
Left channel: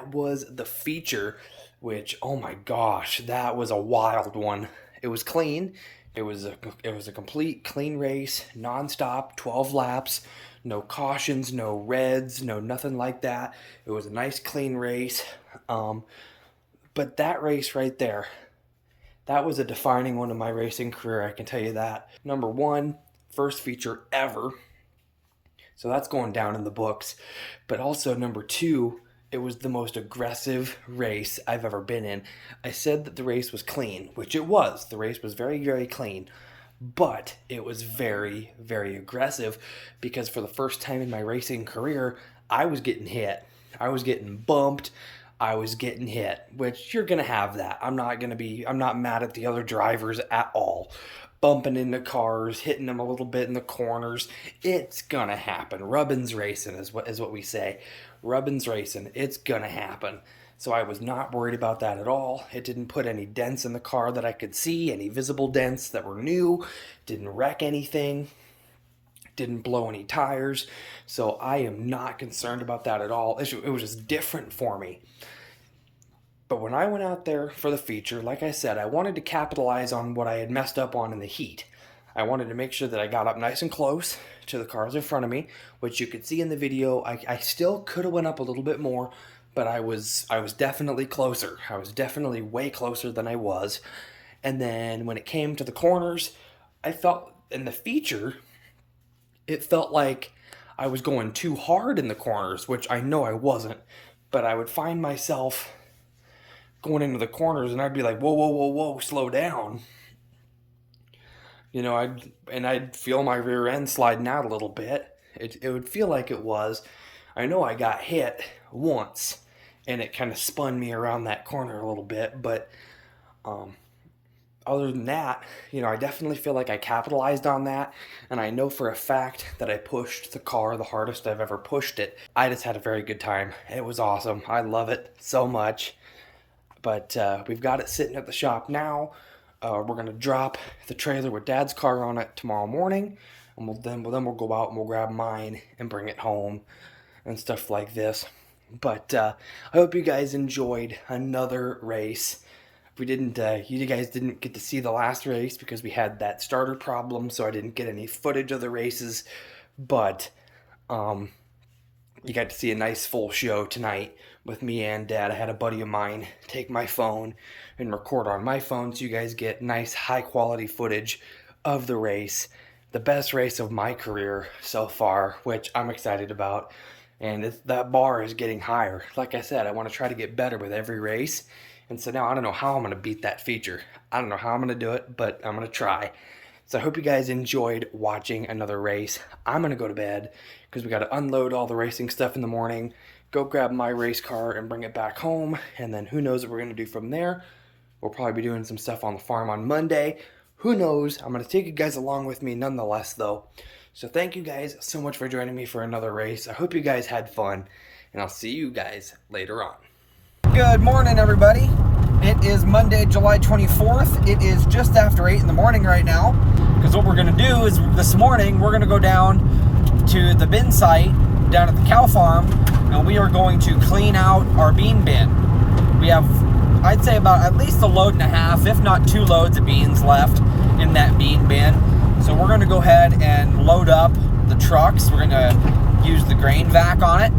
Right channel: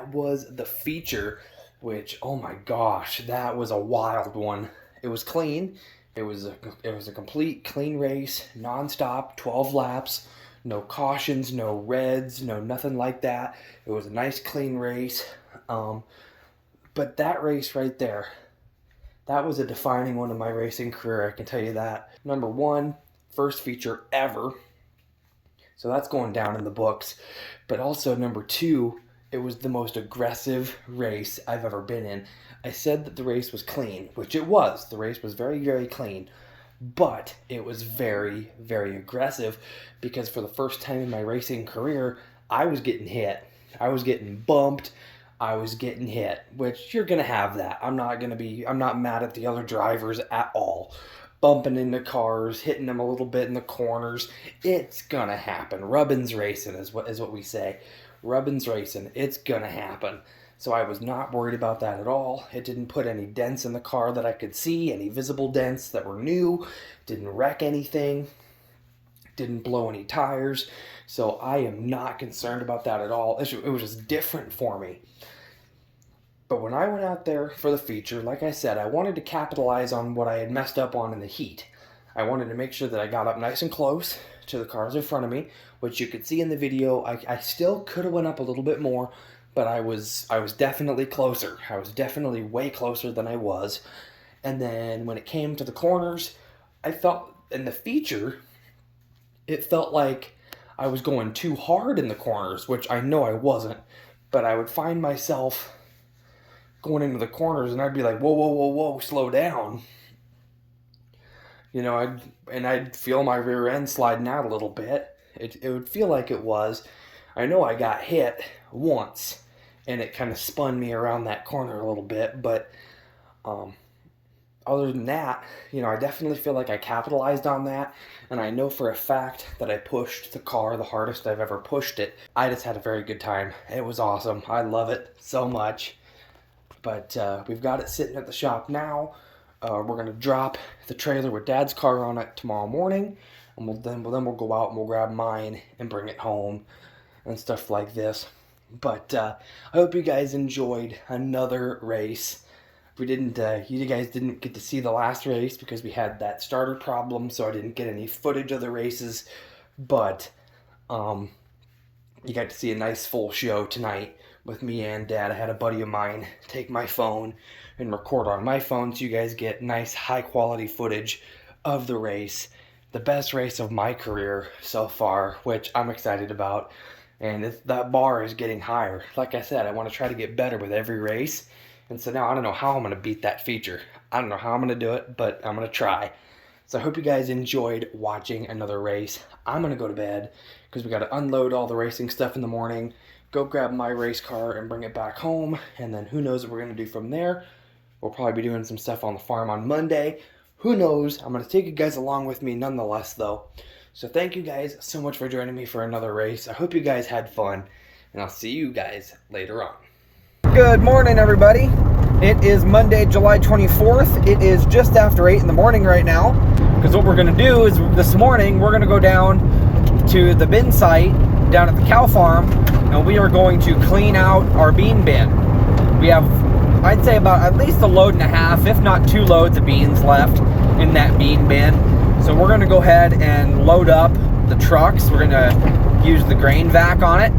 that was the feature, which, oh my gosh, that was a wild one. It was clean. It was a complete clean race, nonstop, 12 laps, no cautions, no reds, no nothing like that. It was a nice clean race. But that race right there, that was a defining one of my racing career, I can tell you that. Number one, first feature ever. So that's going down in the books. But also number two, it was the most aggressive race I've ever been in. I said that the race was clean, which it was. The race was very, very clean. But it was very, very aggressive because for the first time in my racing career, I was getting hit. I was getting bumped. I was getting hit, which you're going to have that. I'm not mad at the other drivers at all. Bumping into cars, hitting them a little bit in the corners. It's going to happen. Rubbin's racing is what we say. Rubbin's racing. It's going to happen. So I was not worried about that at all. It didn't put any dents in the car that I could see, any visible dents that were new. Didn't wreck anything. Didn't blow any tires. So I am not concerned about that at all. It was just different for me. But when I went out there for the feature, like I said, I wanted to capitalize on what I had messed up on in the heat. I wanted to make sure that I got up nice and close to the cars in front of me, which you could see in the video. I still could have went up a little bit more, but I was definitely closer. I was definitely way closer than I was. And then when it came to the corners, I felt in the feature, it felt like I was going too hard in the corners, which I know I wasn't, but I would find myself going into the corners and I'd be like, whoa, whoa, whoa, whoa, slow down. You know, I'd feel my rear end sliding out a little bit. It would feel like it was. I know I got hit once and it kind of spun me around that corner a little bit, but other than that, you know, I definitely feel like I capitalized on that, and I know for a fact that I pushed the car the hardest I've ever pushed it. I just had a very good time. It was awesome. I love it so much. But we've got it sitting at the shop now. We're going to drop the trailer with Dad's car on it tomorrow morning, and then we'll go out and we'll grab mine and bring it home and stuff like this. But I hope you guys enjoyed another race. You guys didn't get to see the last race because we had that starter problem, so I didn't get any footage of the races. But you got to see a nice full show tonight with me and Dad. I had a buddy of mine take my phone and record on my phone, so you guys get nice high quality footage of the race. The best race of my career so far, which I'm excited about. And that bar is getting higher. Like I said, I want to try to get better with every race. And so now I don't know how I'm going to beat that feature. I don't know how I'm going to do it, but I'm going to try. So I hope you guys enjoyed watching another race. I'm going to go to bed because we got to unload all the racing stuff in the morning, go grab my race car and bring it back home, and then who knows what we're going to do from there. We'll probably be doing some stuff on the farm on Monday. Who knows? I'm going to take you guys along with me nonetheless, though. So thank you guys so much for joining me for another race. I hope you guys had fun, and I'll see you guys later on. Good morning, everybody. It is Monday, July 24th. It is just after 8 in the morning right now, because what we're going to do is this morning we're going to go down to the bin site down at the cow farm, and we are going to clean out our bean bin. We have, I'd say, about at least a load and a half, if not 2 loads of beans left in that bean bin. So we're going to go ahead and load up the trucks. We're going to use the grain vac on it.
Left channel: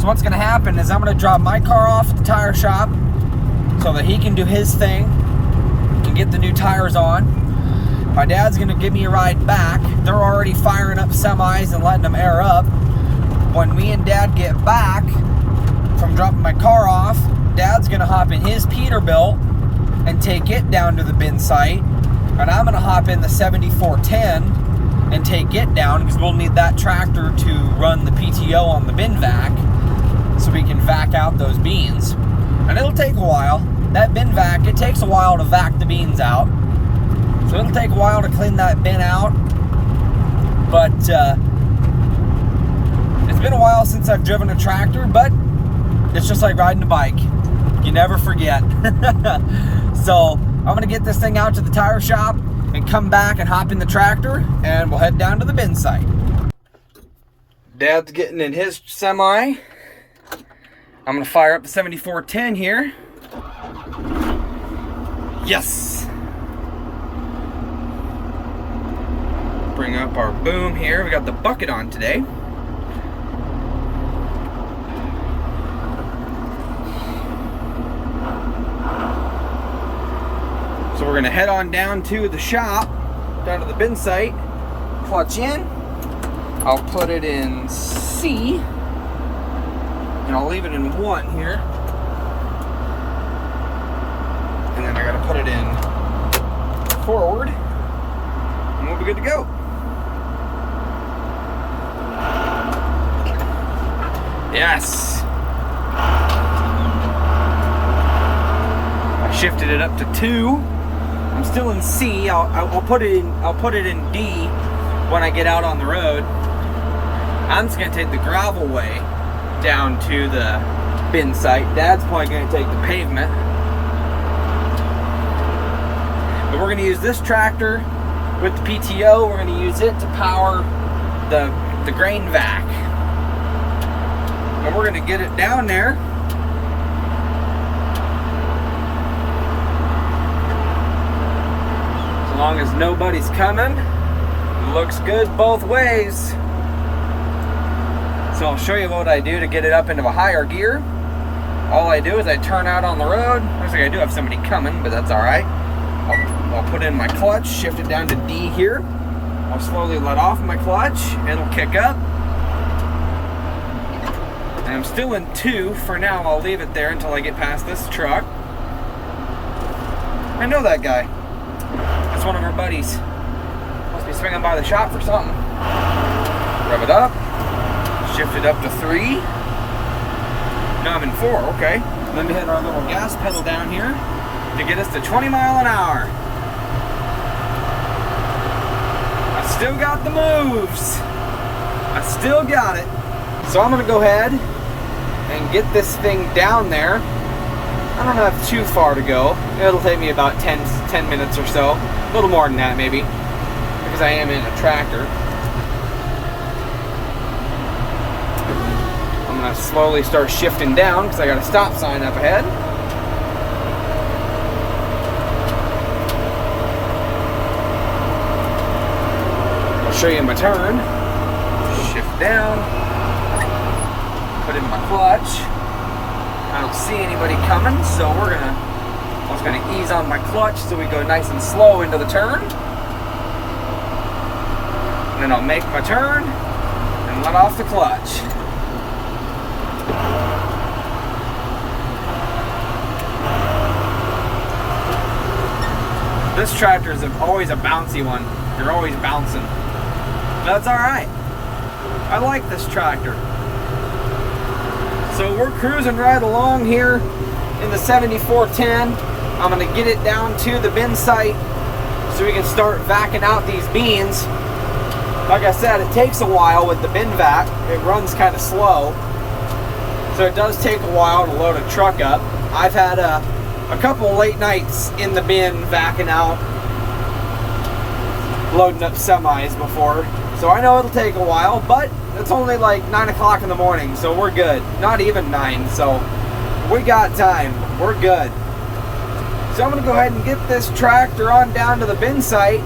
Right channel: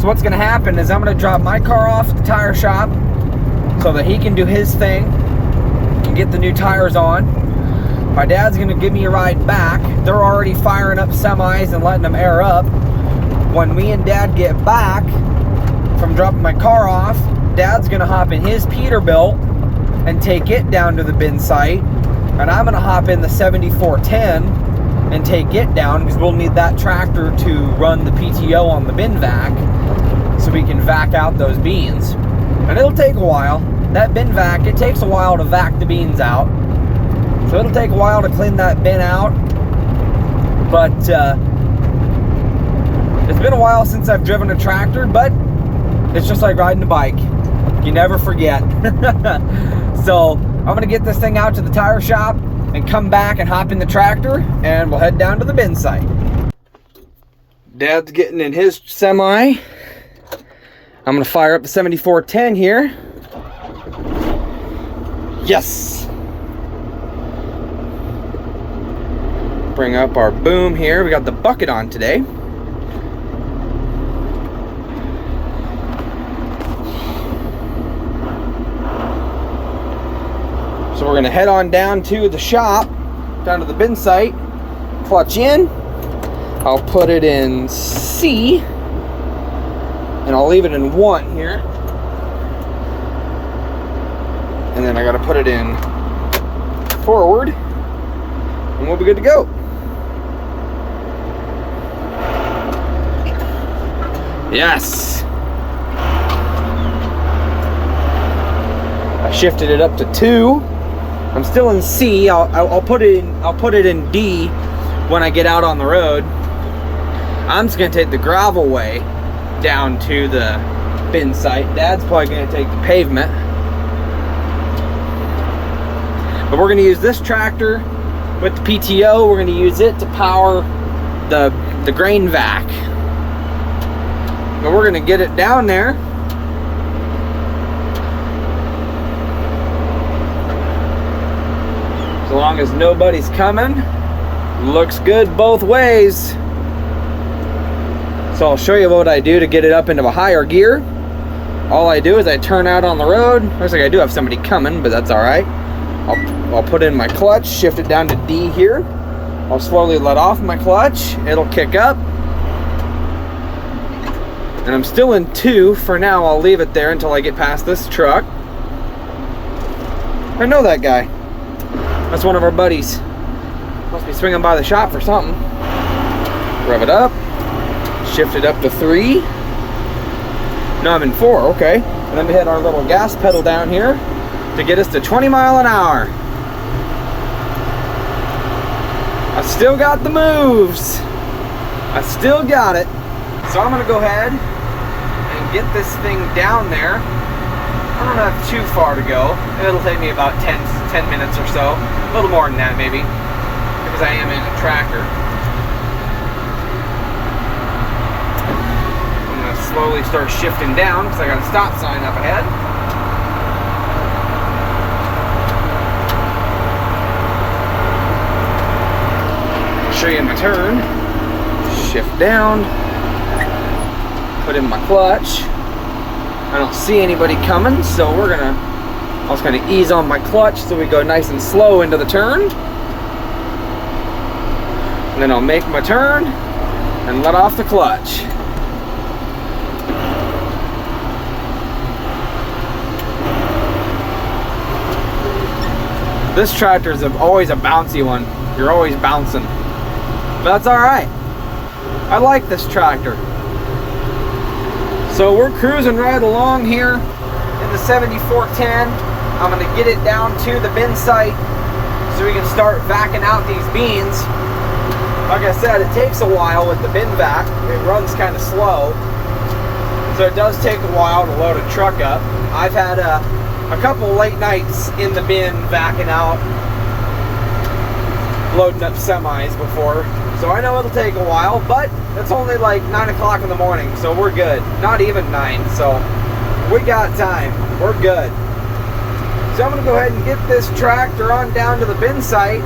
So what's going to happen is I'm going to drop my car off at the tire shop so that he can do his thing and get the new tires on. My dad's going to give me a ride back. They're already firing up semis and letting them air up. When me and Dad get back from dropping my car off, Dad's going to hop in his Peterbilt and take it down to the bin site. And I'm going to hop in the 7410 and take it down because we'll need that tractor to run the PTO on the bin vac so we can vac out those beans. And it'll take a while. That bin vac, it takes a while to vac the beans out. So it'll take a while to clean that bin out. But it's been a while since I've driven a tractor, but it's just like riding a bike. You never forget. So I'm going to get this thing out to the tire shop and come back and hop in the tractor, and we'll head down to the bin site. Dad's getting in his semi. I'm gonna fire up the 7410 here. Yes! Bring up our boom here. We got the bucket on today. So we're gonna head on down to the shop, down to the bin site, clutch in. I'll put it in C, and I'll leave it in 1 here. And then I gotta put it in forward, and we'll be good to go. Yes! I shifted it up to 2. I'm still in C. I'll put it in D when I get out on the road. I'm just gonna take the gravel way down to the bin site. Dad's probably gonna take the pavement. But we're gonna use this tractor with the PTO. We're gonna use it to power the grain vac. But we're gonna get it down there. As long as nobody's coming, looks good both ways. So I'll show you what I do to get it up into a higher gear. All I do is I turn out on the road. Looks like I do have somebody coming, but that's all right. I'll put in my clutch, shift it down to D here. I'll slowly let off my clutch. It'll kick up. And I'm still in 2 for now. I'll leave it there until I get past this truck. I know that guy. That's one of our buddies. Must be swinging by the shop for something. Rev it up. Shift it up to 3. No, I'm in 4, okay. And then we hit our little gas pedal down here to get us to 20 mile an hour. I still got the moves. I still got it. So I'm gonna go ahead and get this thing down there. I don't have too far to go. It'll take me about 10 minutes or so. A little more than that maybe, because I am in a tractor. I'm gonna slowly start shifting down because I got a stop sign up ahead. I'll show you my turn. Shift down. Put in my clutch. I don't see anybody coming, so I'm just gonna ease on my clutch so we go nice and slow into the turn. And then I'll make my turn and let off the clutch. This tractor is always a bouncy one. You're always bouncing. But that's alright. I like this tractor. So we're cruising right along here in the 7410. I'm gonna get it down to the bin site so we can start vacuuming out these beans. Like I said, it takes a while with the bin vac. It runs kind of slow. So it does take a while to load a truck up. I've had a couple late nights in the bin vacuuming out, loading up semis before. So I know it'll take a while, but it's only like 9 o'clock in the morning, so we're good. Not even 9, so we got time. We're good. So I'm gonna go ahead and get this tractor on down to the bin site.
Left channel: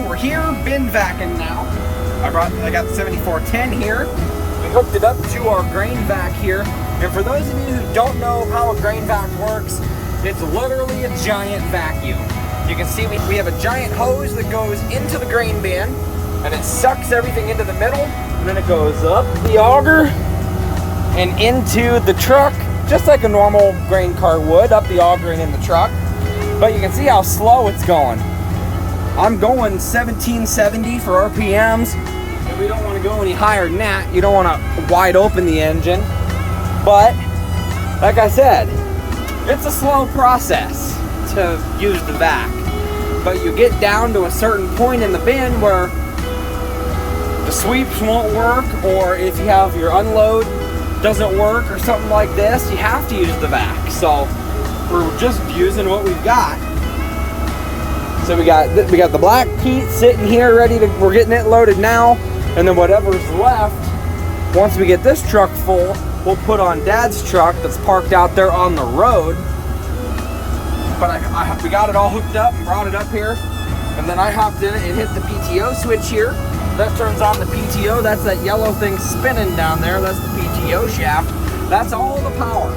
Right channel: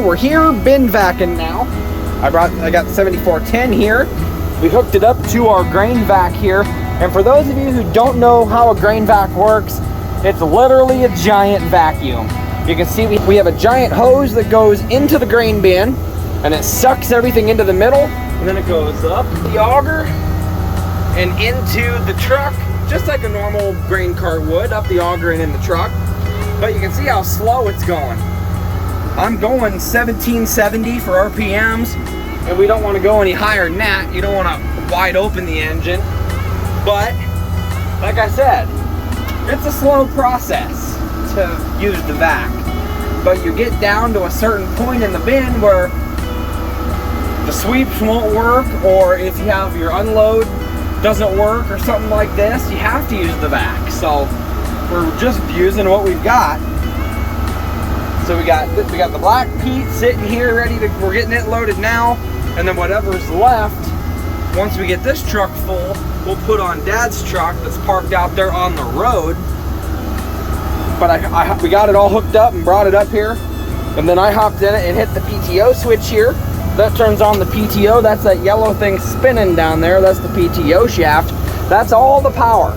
go. We're here, bin vacuum now. I got the 7410 here. We hooked it up to our grain vac here. And for those of you who don't know how a grain vac works, it's literally a giant vacuum. You can see we have a giant hose that goes into the grain bin, and it sucks everything into the middle, and then it goes up the auger and into the truck, just like a normal grain cart would, up the auger and in the truck. But you can see how slow it's going. I'm going 1770 for RPMs, and we don't want to go any higher than that. You don't want to wide open the engine. But, like I said, it's a slow process to use the vac. But you get down to a certain point in the bin where the sweeps won't work, or if you have your unload doesn't work or something like this, you have to use the vac. So we're just using what we've got. So we got the black peat sitting here ready to, we're getting it loaded now, and then whatever's left, once we get this truck full, we'll put on Dad's truck that's parked out there on the road. But we got it all hooked up and brought it up here, and then I hopped in it and hit the PTO switch here. That turns on the PTO. That's that yellow thing spinning down there. That's the PTO shaft. That's all the power.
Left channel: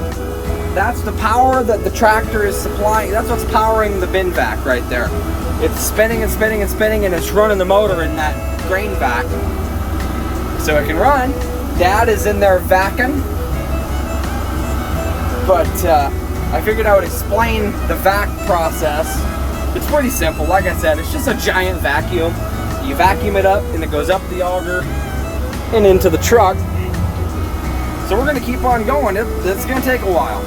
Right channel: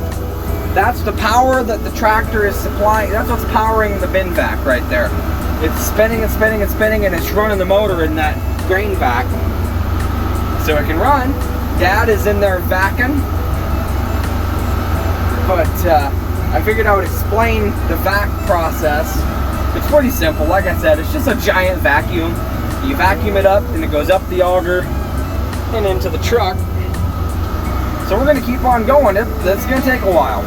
That's the power that the tractor is supplying. That's what's powering the bin vac right there. It's spinning and spinning and spinning, and it's running the motor in that grain vac so it can run. Dad is in there vacuuming, but I figured I would explain the vac process. It's pretty simple. Like I said, it's just a giant vacuum. You vacuum it up and it goes up the auger and into the truck. So we're gonna keep on going. It's gonna take a while.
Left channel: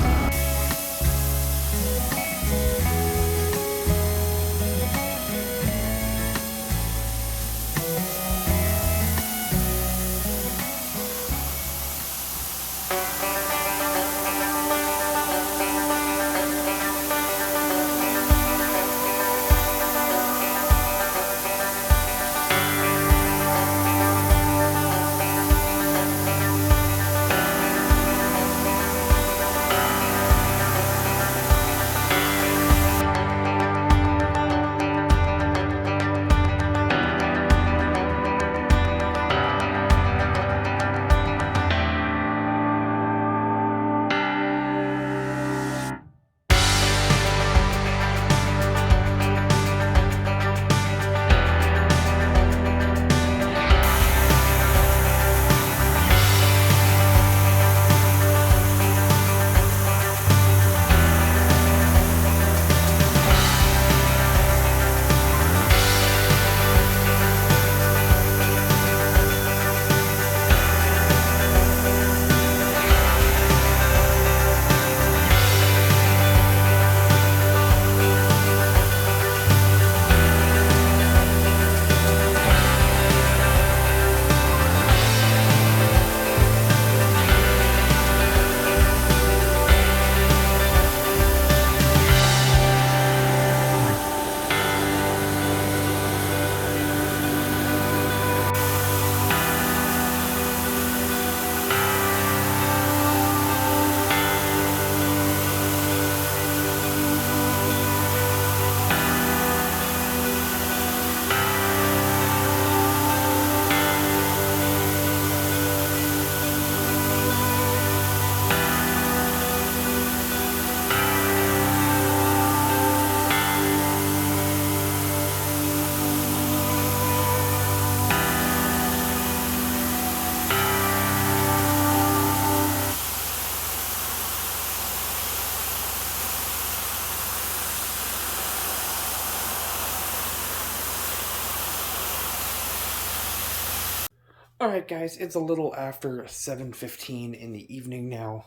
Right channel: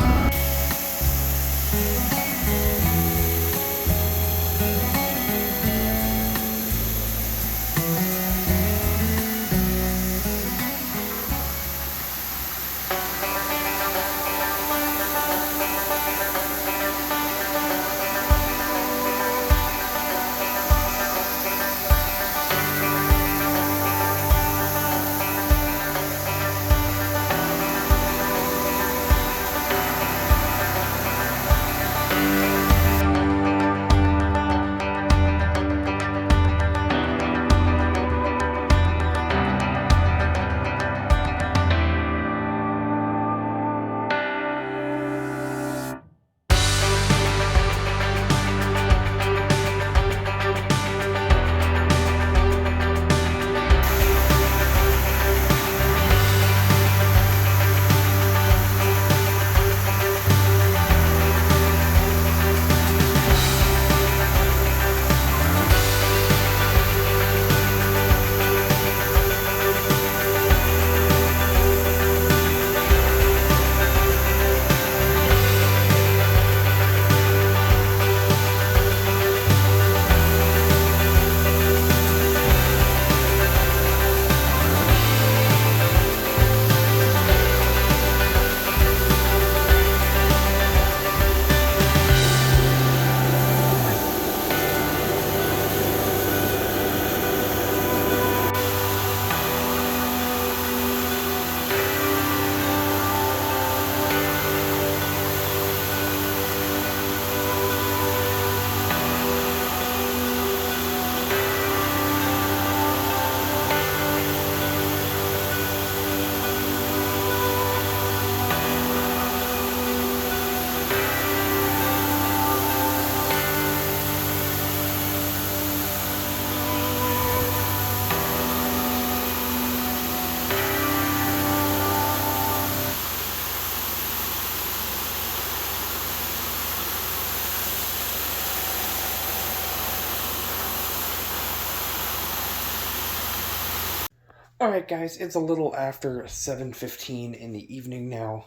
Alright guys, it's a little after 7:15 in the evening now.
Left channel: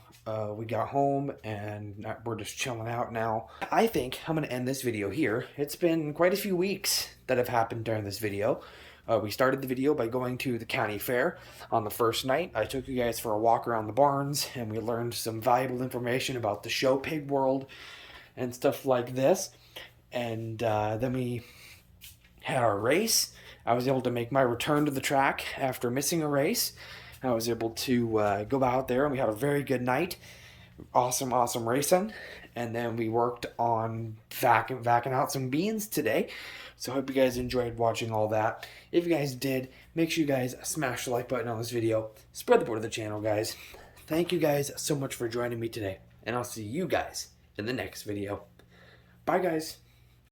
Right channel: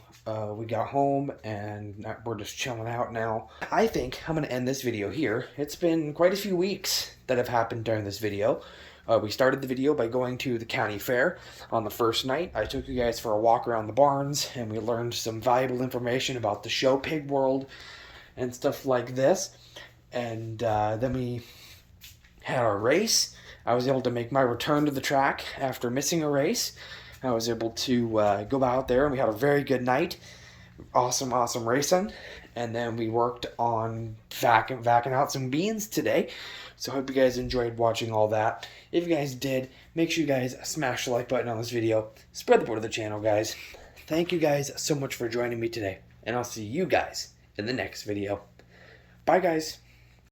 We got home and we're just chilling out now. I think I'm going to end this video here. It's been quite a few weeks that have happened during this video. We started the video by going to the county fair. On the first night, I took you guys for a walk around the barns, and we learned some valuable information about the show pig world and stuff like this. And then we had our race. I was able to make my return to the track after missing a race. I was able to go out there, and we had a very good night. Awesome racing. and then we worked on vacuuming out some beans today. So I hope you guys enjoyed watching all that. If you guys did, make sure you guys smash the like button on this video. Spread the word of the channel, guys. Thank you guys so much for joining me today, and I'll see you guys in the next video. Bye, guys.